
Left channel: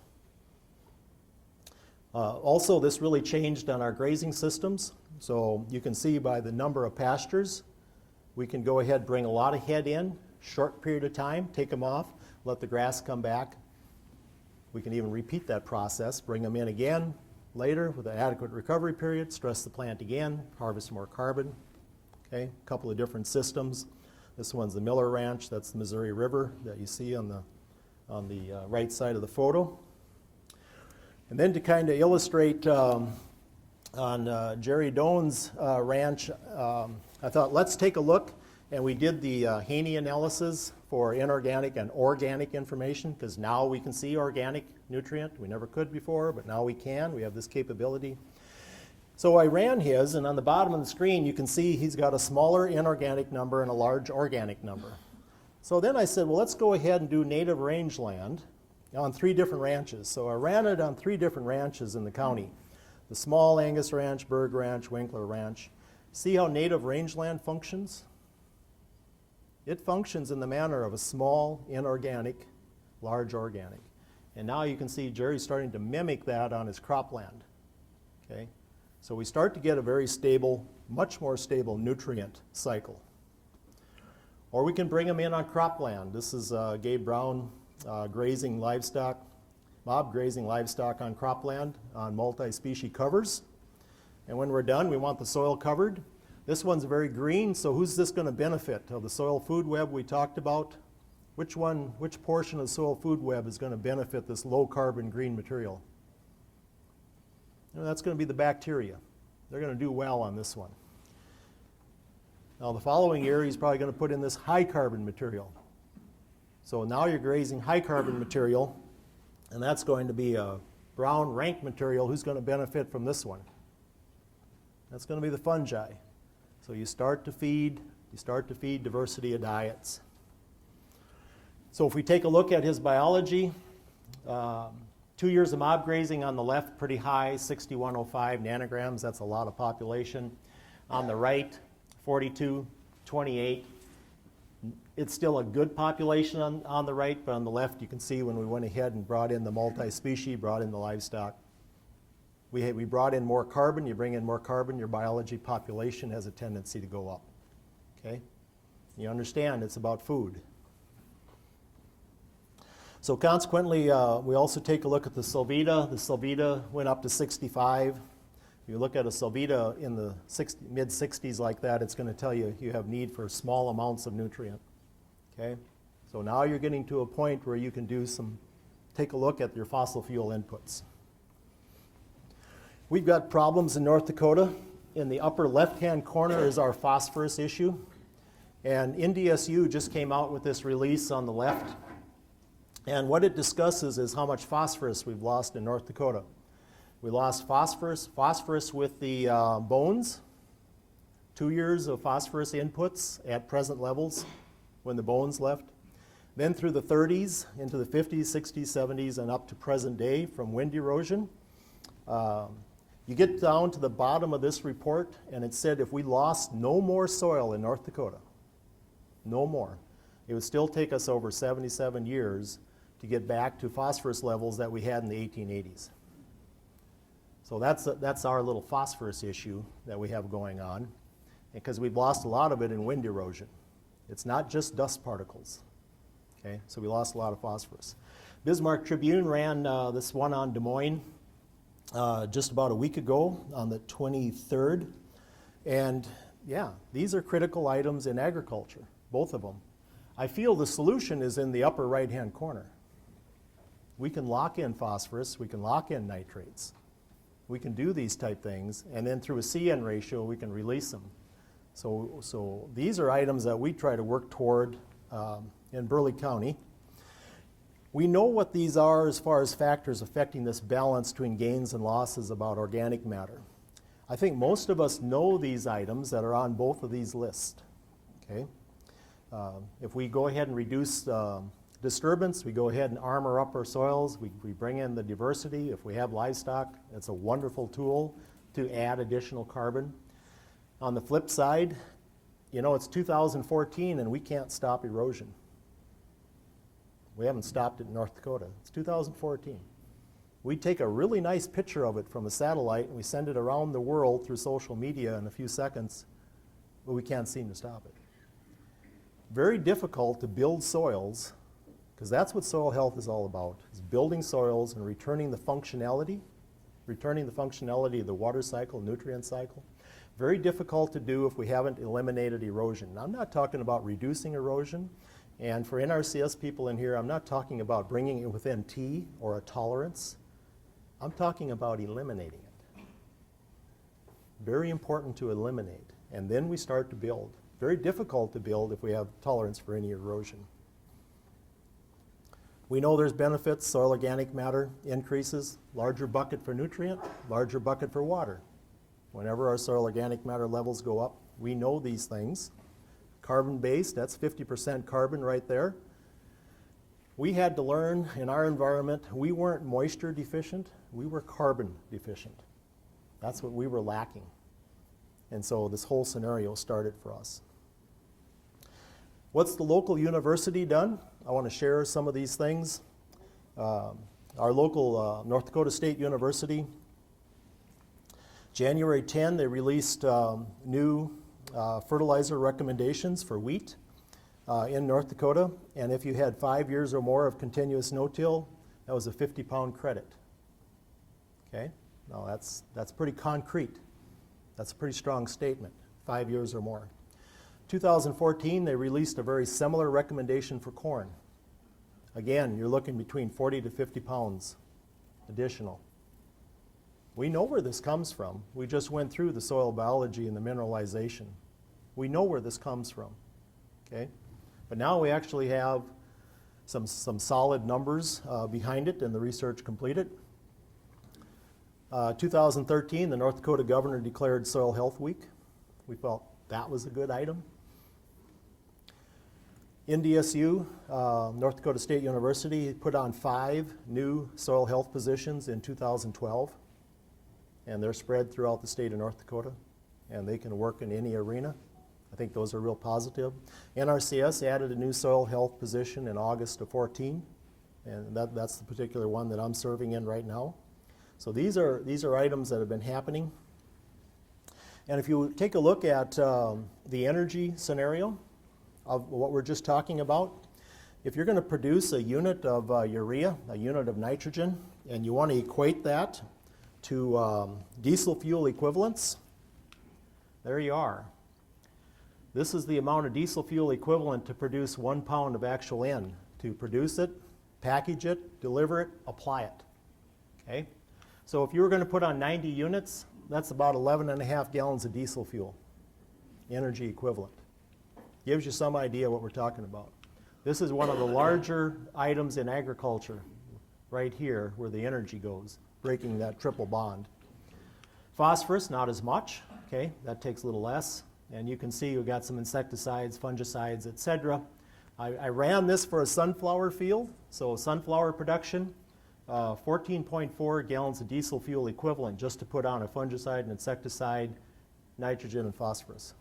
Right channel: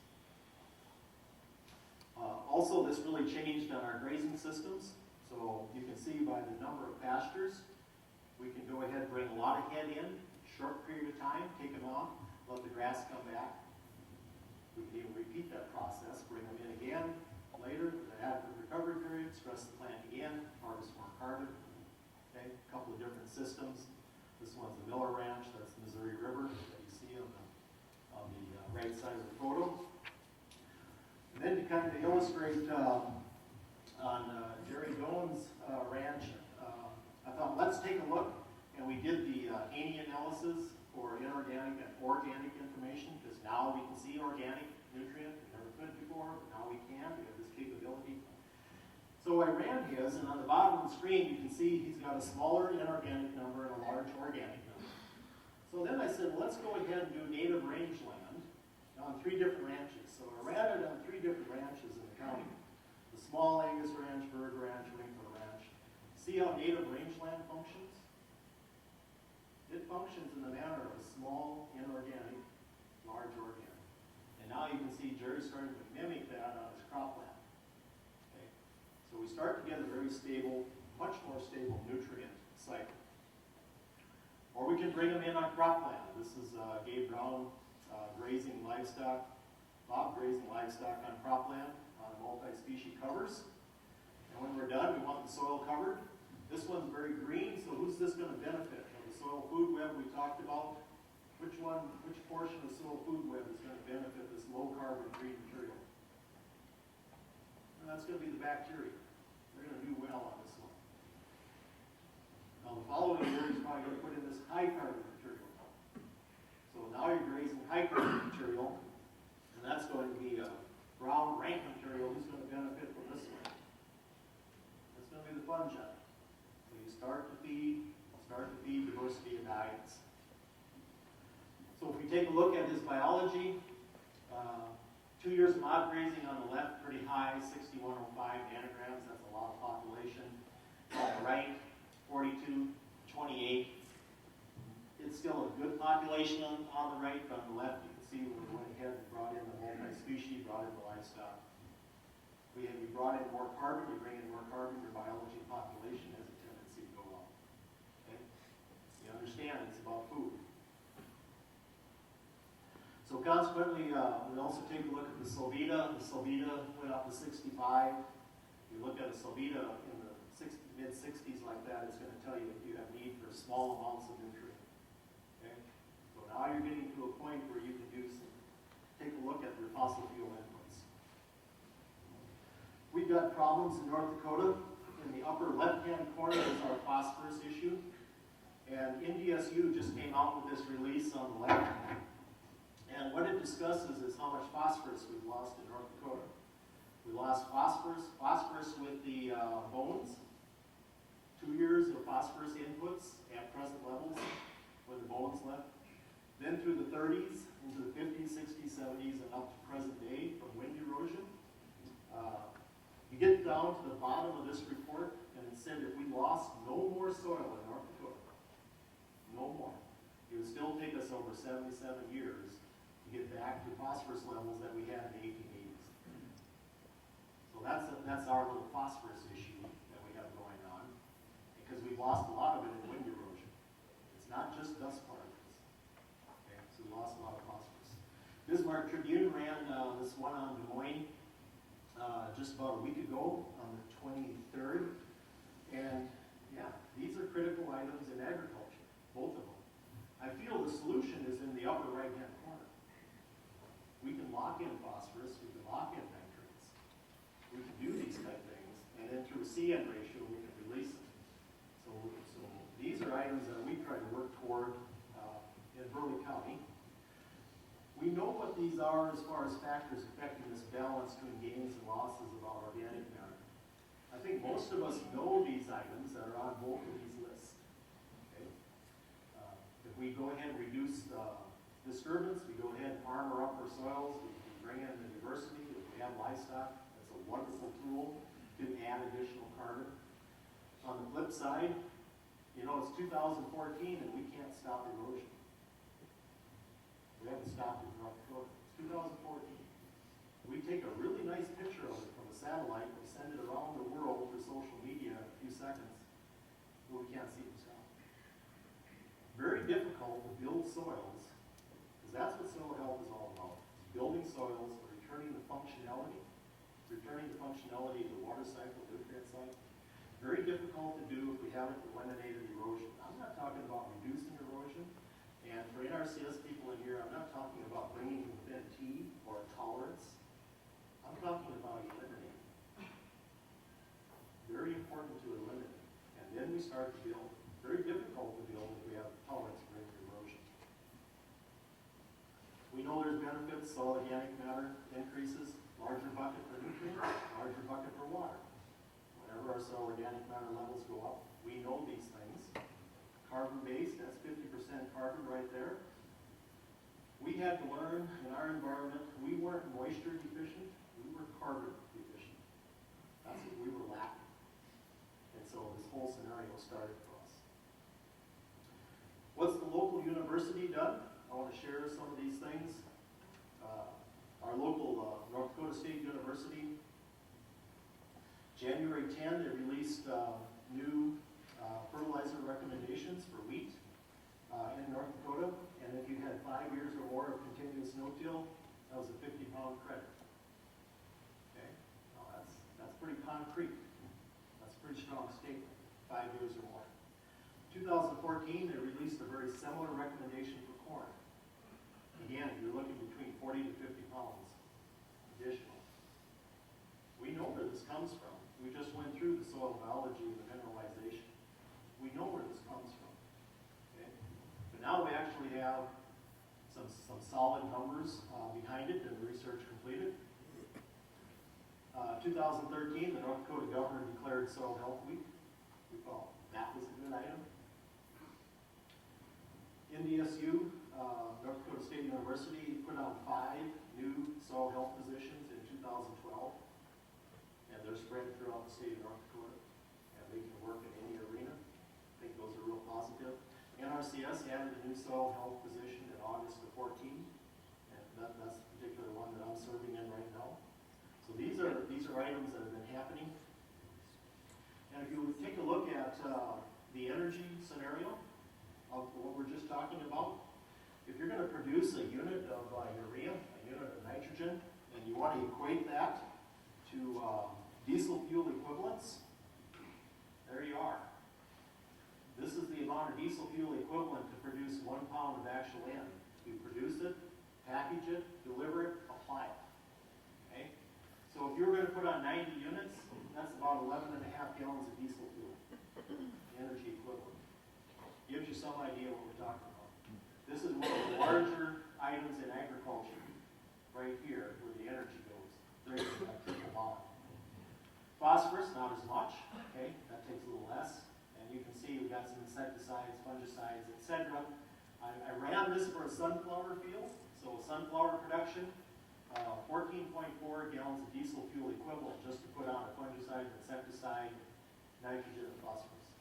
Also, this really changed on our grazing systems. So you can see by the number of pastures, we can go ahead and bring a lot of head in, short period of time, take them off, let the grass come back. We can even repeat that process, bring them in again later with an adequate recovery period, stress the plant again, harvest more carbon. Okay, a couple of different systems. This one's the Miller Ranch, that's the Missouri River that you see on the right side of the photo. And then to kind of illustrate on Jerry Doan's ranch, I thought let's take a look, and we did the Haney analysis for inorganic and organic information, because now we can see organic nutrient. We never could before, but now we can. We have this capability. So I ran his, and on the bottom of the screen you can see he's got a smaller inorganic number and a large organic number. So then I said, well, let's go ahead and do native rangeland on 3 different ranches. So I ran it on 3 different ranches in the county. The Small Angus Ranch, Berg Ranch, Winkler Ranch. See how native rangeland functions? It functions in the manner of a small inorganic, large organic. And now you can see Jerry's starting to mimic that on his cropland. Okay? So we start to get a very stable, much more stable nutrient cycle. Or we can bring them in on cropland. This is Gabe Brown grazing livestock, mob grazing livestock on cropland on multi-species covers. And when we're done, we want the soil covered. This one's very green, so who's this going to benefit? Of the soil food web we talked about, which portion of the soil food web is going to benefit this low carbon green material? And that's going to be the bacteria. They're going to do well on this one. Now the following year, he's probably going to put in this high carbon material. So now you're grazing high carbon material, and that's going to be a brown rank material. Who's going to benefit from this one? That's going to be the fungi. So you start to feed diversity of diets. So if we take a look at his biology, 2 years of mob grazing on the left, pretty high, 6105 nanograms, that's a lot of population. On the right, 42, 28. It's still a good population on the right, but on the left you can see when we went ahead and brought in the multi-species, brought in the livestock. We brought in more carbon. You bring in more carbon, your biology population has a tendency to go up. Okay? You understand it's about food. So consequently, we also take a look at the Sylvita. The Sylvita went up to 65. You look at a Sylvita in the mid-60s like that, it's going to tell you have need for small amounts of nutrient. Okay? So now you're getting to a point where you can take a look at your fossil fuel inputs. We've got problems in North Dakota. In the upper left-hand corner is our phosphorus issue. And NDSU just came out with this release on the left. And what it discusses is how much phosphorus we've lost in North Dakota. We lost phosphorus with the bones, 2 years of phosphorus inputs at present levels when the bones left. Then through the 30s, into the 50s, 60s, 70s, and up to present day from wind erosion. You get down to the bottom of this report, and it said if we lost no more soil in North Dakota, no more, it would still take us over 77 years to get back to phosphorus levels that we had in the 1880s. So that's our little phosphorus issue that we have going on, because we've lost a lot of it in wind erosion. It's not just dust particles. Okay, so we lost a lot of phosphorus. Bismarck Tribune ran this one on Des Moines just about a week ago on the 23rd. And yeah, these are critical items in agriculture, both of them. I feel the solution is in the upper right-hand corner. We can lock in phosphorus, we can lock in nitrates. We can do these type things, and then through a CN ratio, we can release them. So these are items that we try to work toward in Burleigh County. We know what these are as far as factors affecting this balance between gains and losses about organic matter. I think most of us know these items that are on both of these lists. Okay? If we go ahead and reduce disturbance, we go ahead and armor up our soils, we bring in the diversity. If we have livestock, it's a wonderful tool to add additional carbon. On the flip side, you know, it's 2014 and we can't stop erosion. We haven't stopped it in North Dakota. It's 2014. We take a really nice picture of it from a satellite and we send it around the world through social media in a few seconds, but we can't seem to stop it. Very difficult to build soils, because that's what soil health is all about, is building soils and returning the functionality of the water cycle, nutrient cycle. Very difficult to do if we haven't eliminated erosion. Now, I'm not talking about reducing erosion, and for NRCS people in here, I'm not talking about bringing it within T or a tolerance. I'm talking about eliminating it. Very important to eliminate, and then we start to build. Very difficult to build if we have tolerance for any erosion. We know there's benefits, soil organic matter increases, larger bucket for nutrient, larger bucket for water. Whenever our soil organic matter levels go up, we know these things. Carbon-based, that's 50% carbon right there. We had to learn in our environment, we weren't moisture deficient, we were carbon deficient. That's what we were lacking. And so this whole scenario started for us. What's the local university done? I want to share some of these things. Our local North Dakota State University, January 10, they released new fertilizer recommendations for wheat in North Dakota. And if you had 5 years or more of continuous no-till, that was a 50-pound credit. Okay? Now that's pretty concrete. That's a pretty strong statement, 5 years or more. 2014, they released a very similar recommendation for corn. Again, you're looking between 40 to 50 pounds additional. We know where this comes from. We just went through the soil biology and the mineralization. We know where this comes from, okay? But now we actually have some solid numbers behind it and the research completed. 2013, the North Dakota governor declared Soil Health Week. We felt that was a good item. NDSU, North Dakota State University, put on 5 new soil health positions in 2012, and they're spread throughout the state of North Dakota, and they can work in any arena. I think those are real positive. NRCS added a new soil health position in August of 14, and that's the particular one that I'm serving in right now. So these are items that have been happening. And if you take a look at the energy scenario of what we're just talking about, if you're going to produce a unit of urea, a unit of nitrogen, and you want to equate that to diesel fuel equivalents, there you are. This is the amount of diesel fuel equivalent to produce 1 pound of actual N. To produce it, package it, deliver it, apply it. Okay? So if you were going to put on 90 units, that's about 11.5 gallons of diesel fuel, energy equivalent. Gives you some idea what we're talking about. This is one of the larger items in agriculture, right here, where the energy goes, breaking that triple bond. Phosphorus, not as much, okay? That takes a little less. And you can see you've got some insecticides, fungicides, etc. I ran this for a sunflower field, so sunflower production, 14.4 gallons of diesel fuel equivalent just to put on a fungicide, an insecticide, nitrogen, and phosphorus.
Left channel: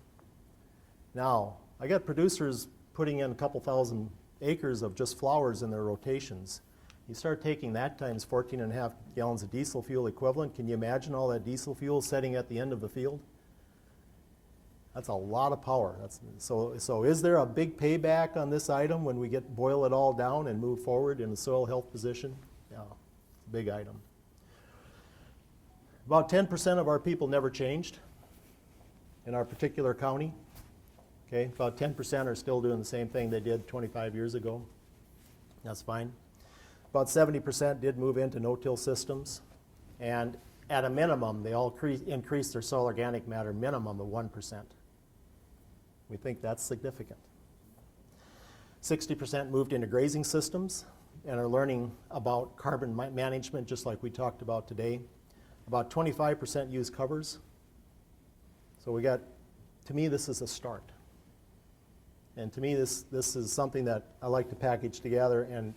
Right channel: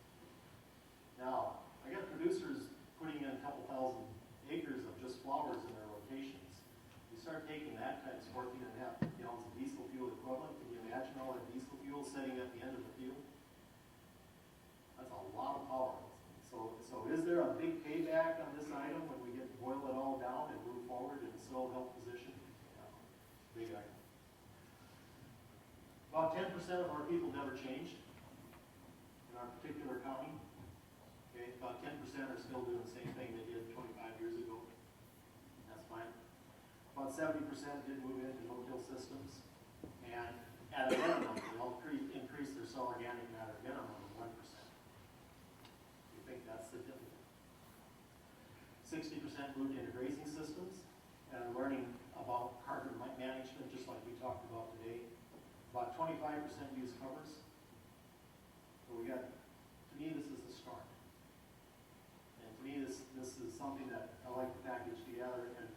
Now, I got producers putting in a couple thousand acres of just flowers in their rotations. You start taking that times 14.5 gallons of diesel fuel equivalent. Can you imagine all that diesel fuel sitting at the end of the field? That's a lot of power. So is there a big payback on this item when we boil it all down and move forward in the soil health position? Yeah, big item. About 10% of our people never changed in our particular county. Okay, about 10% are still doing the same thing they did 25 years ago. That's fine. About 70% did move into no-till systems, and at a minimum, they all increased their soil organic matter minimum of 1%. We think that's significant. 60% moved into grazing systems and are learning about carbon management, just like we talked about today. About 25% use covers. So to me, this is a start. And to me, this is something that I like to package together and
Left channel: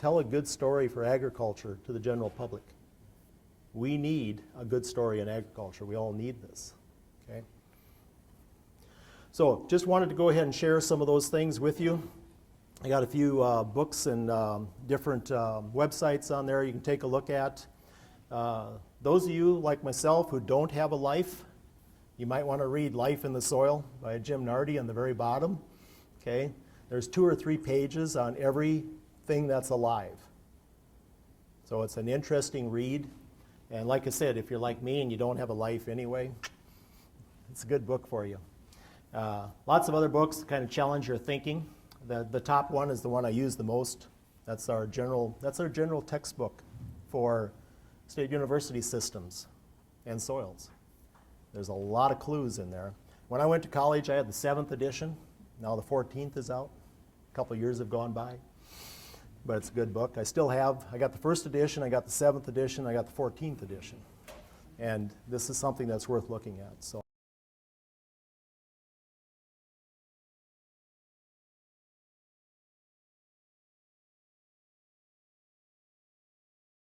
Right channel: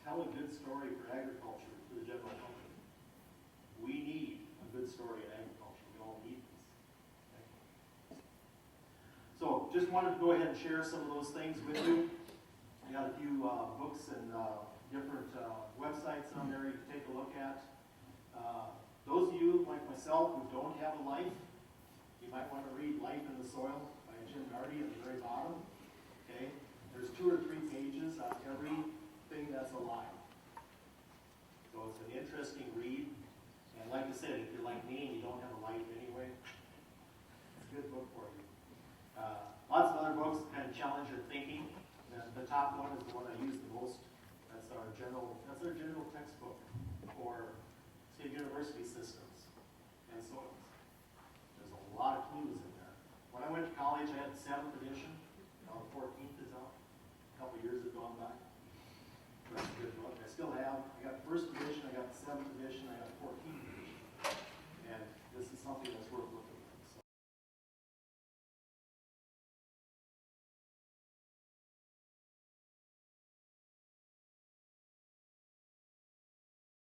tell a good story for agriculture to the general public. We need a good story in agriculture. We all need this. Okay? So just wanted to go ahead and share some of those things with you. I got a few books and different websites on there you can take a look at. Those of you like myself who don't have a life, you might want to read Life in the Soil by Jim Nardi on the very bottom. Okay? There's 2 or 3 pages on everything that's alive. So it's an interesting read. And like I said, if you're like me and you don't have a life anyway, it's a good book for you. Lots of other books that kind of challenge your thinking. The top one is the one I use the most. That's our general textbook for state university systems and soils. There's a lot of clues in there. When I went to college, I had the 7th edition. Now the 14th is out. A couple years have gone by. But it's a good book. I got the 1st edition, I got the 7th edition, I got the 14th edition. And this is something that's worth looking at. So.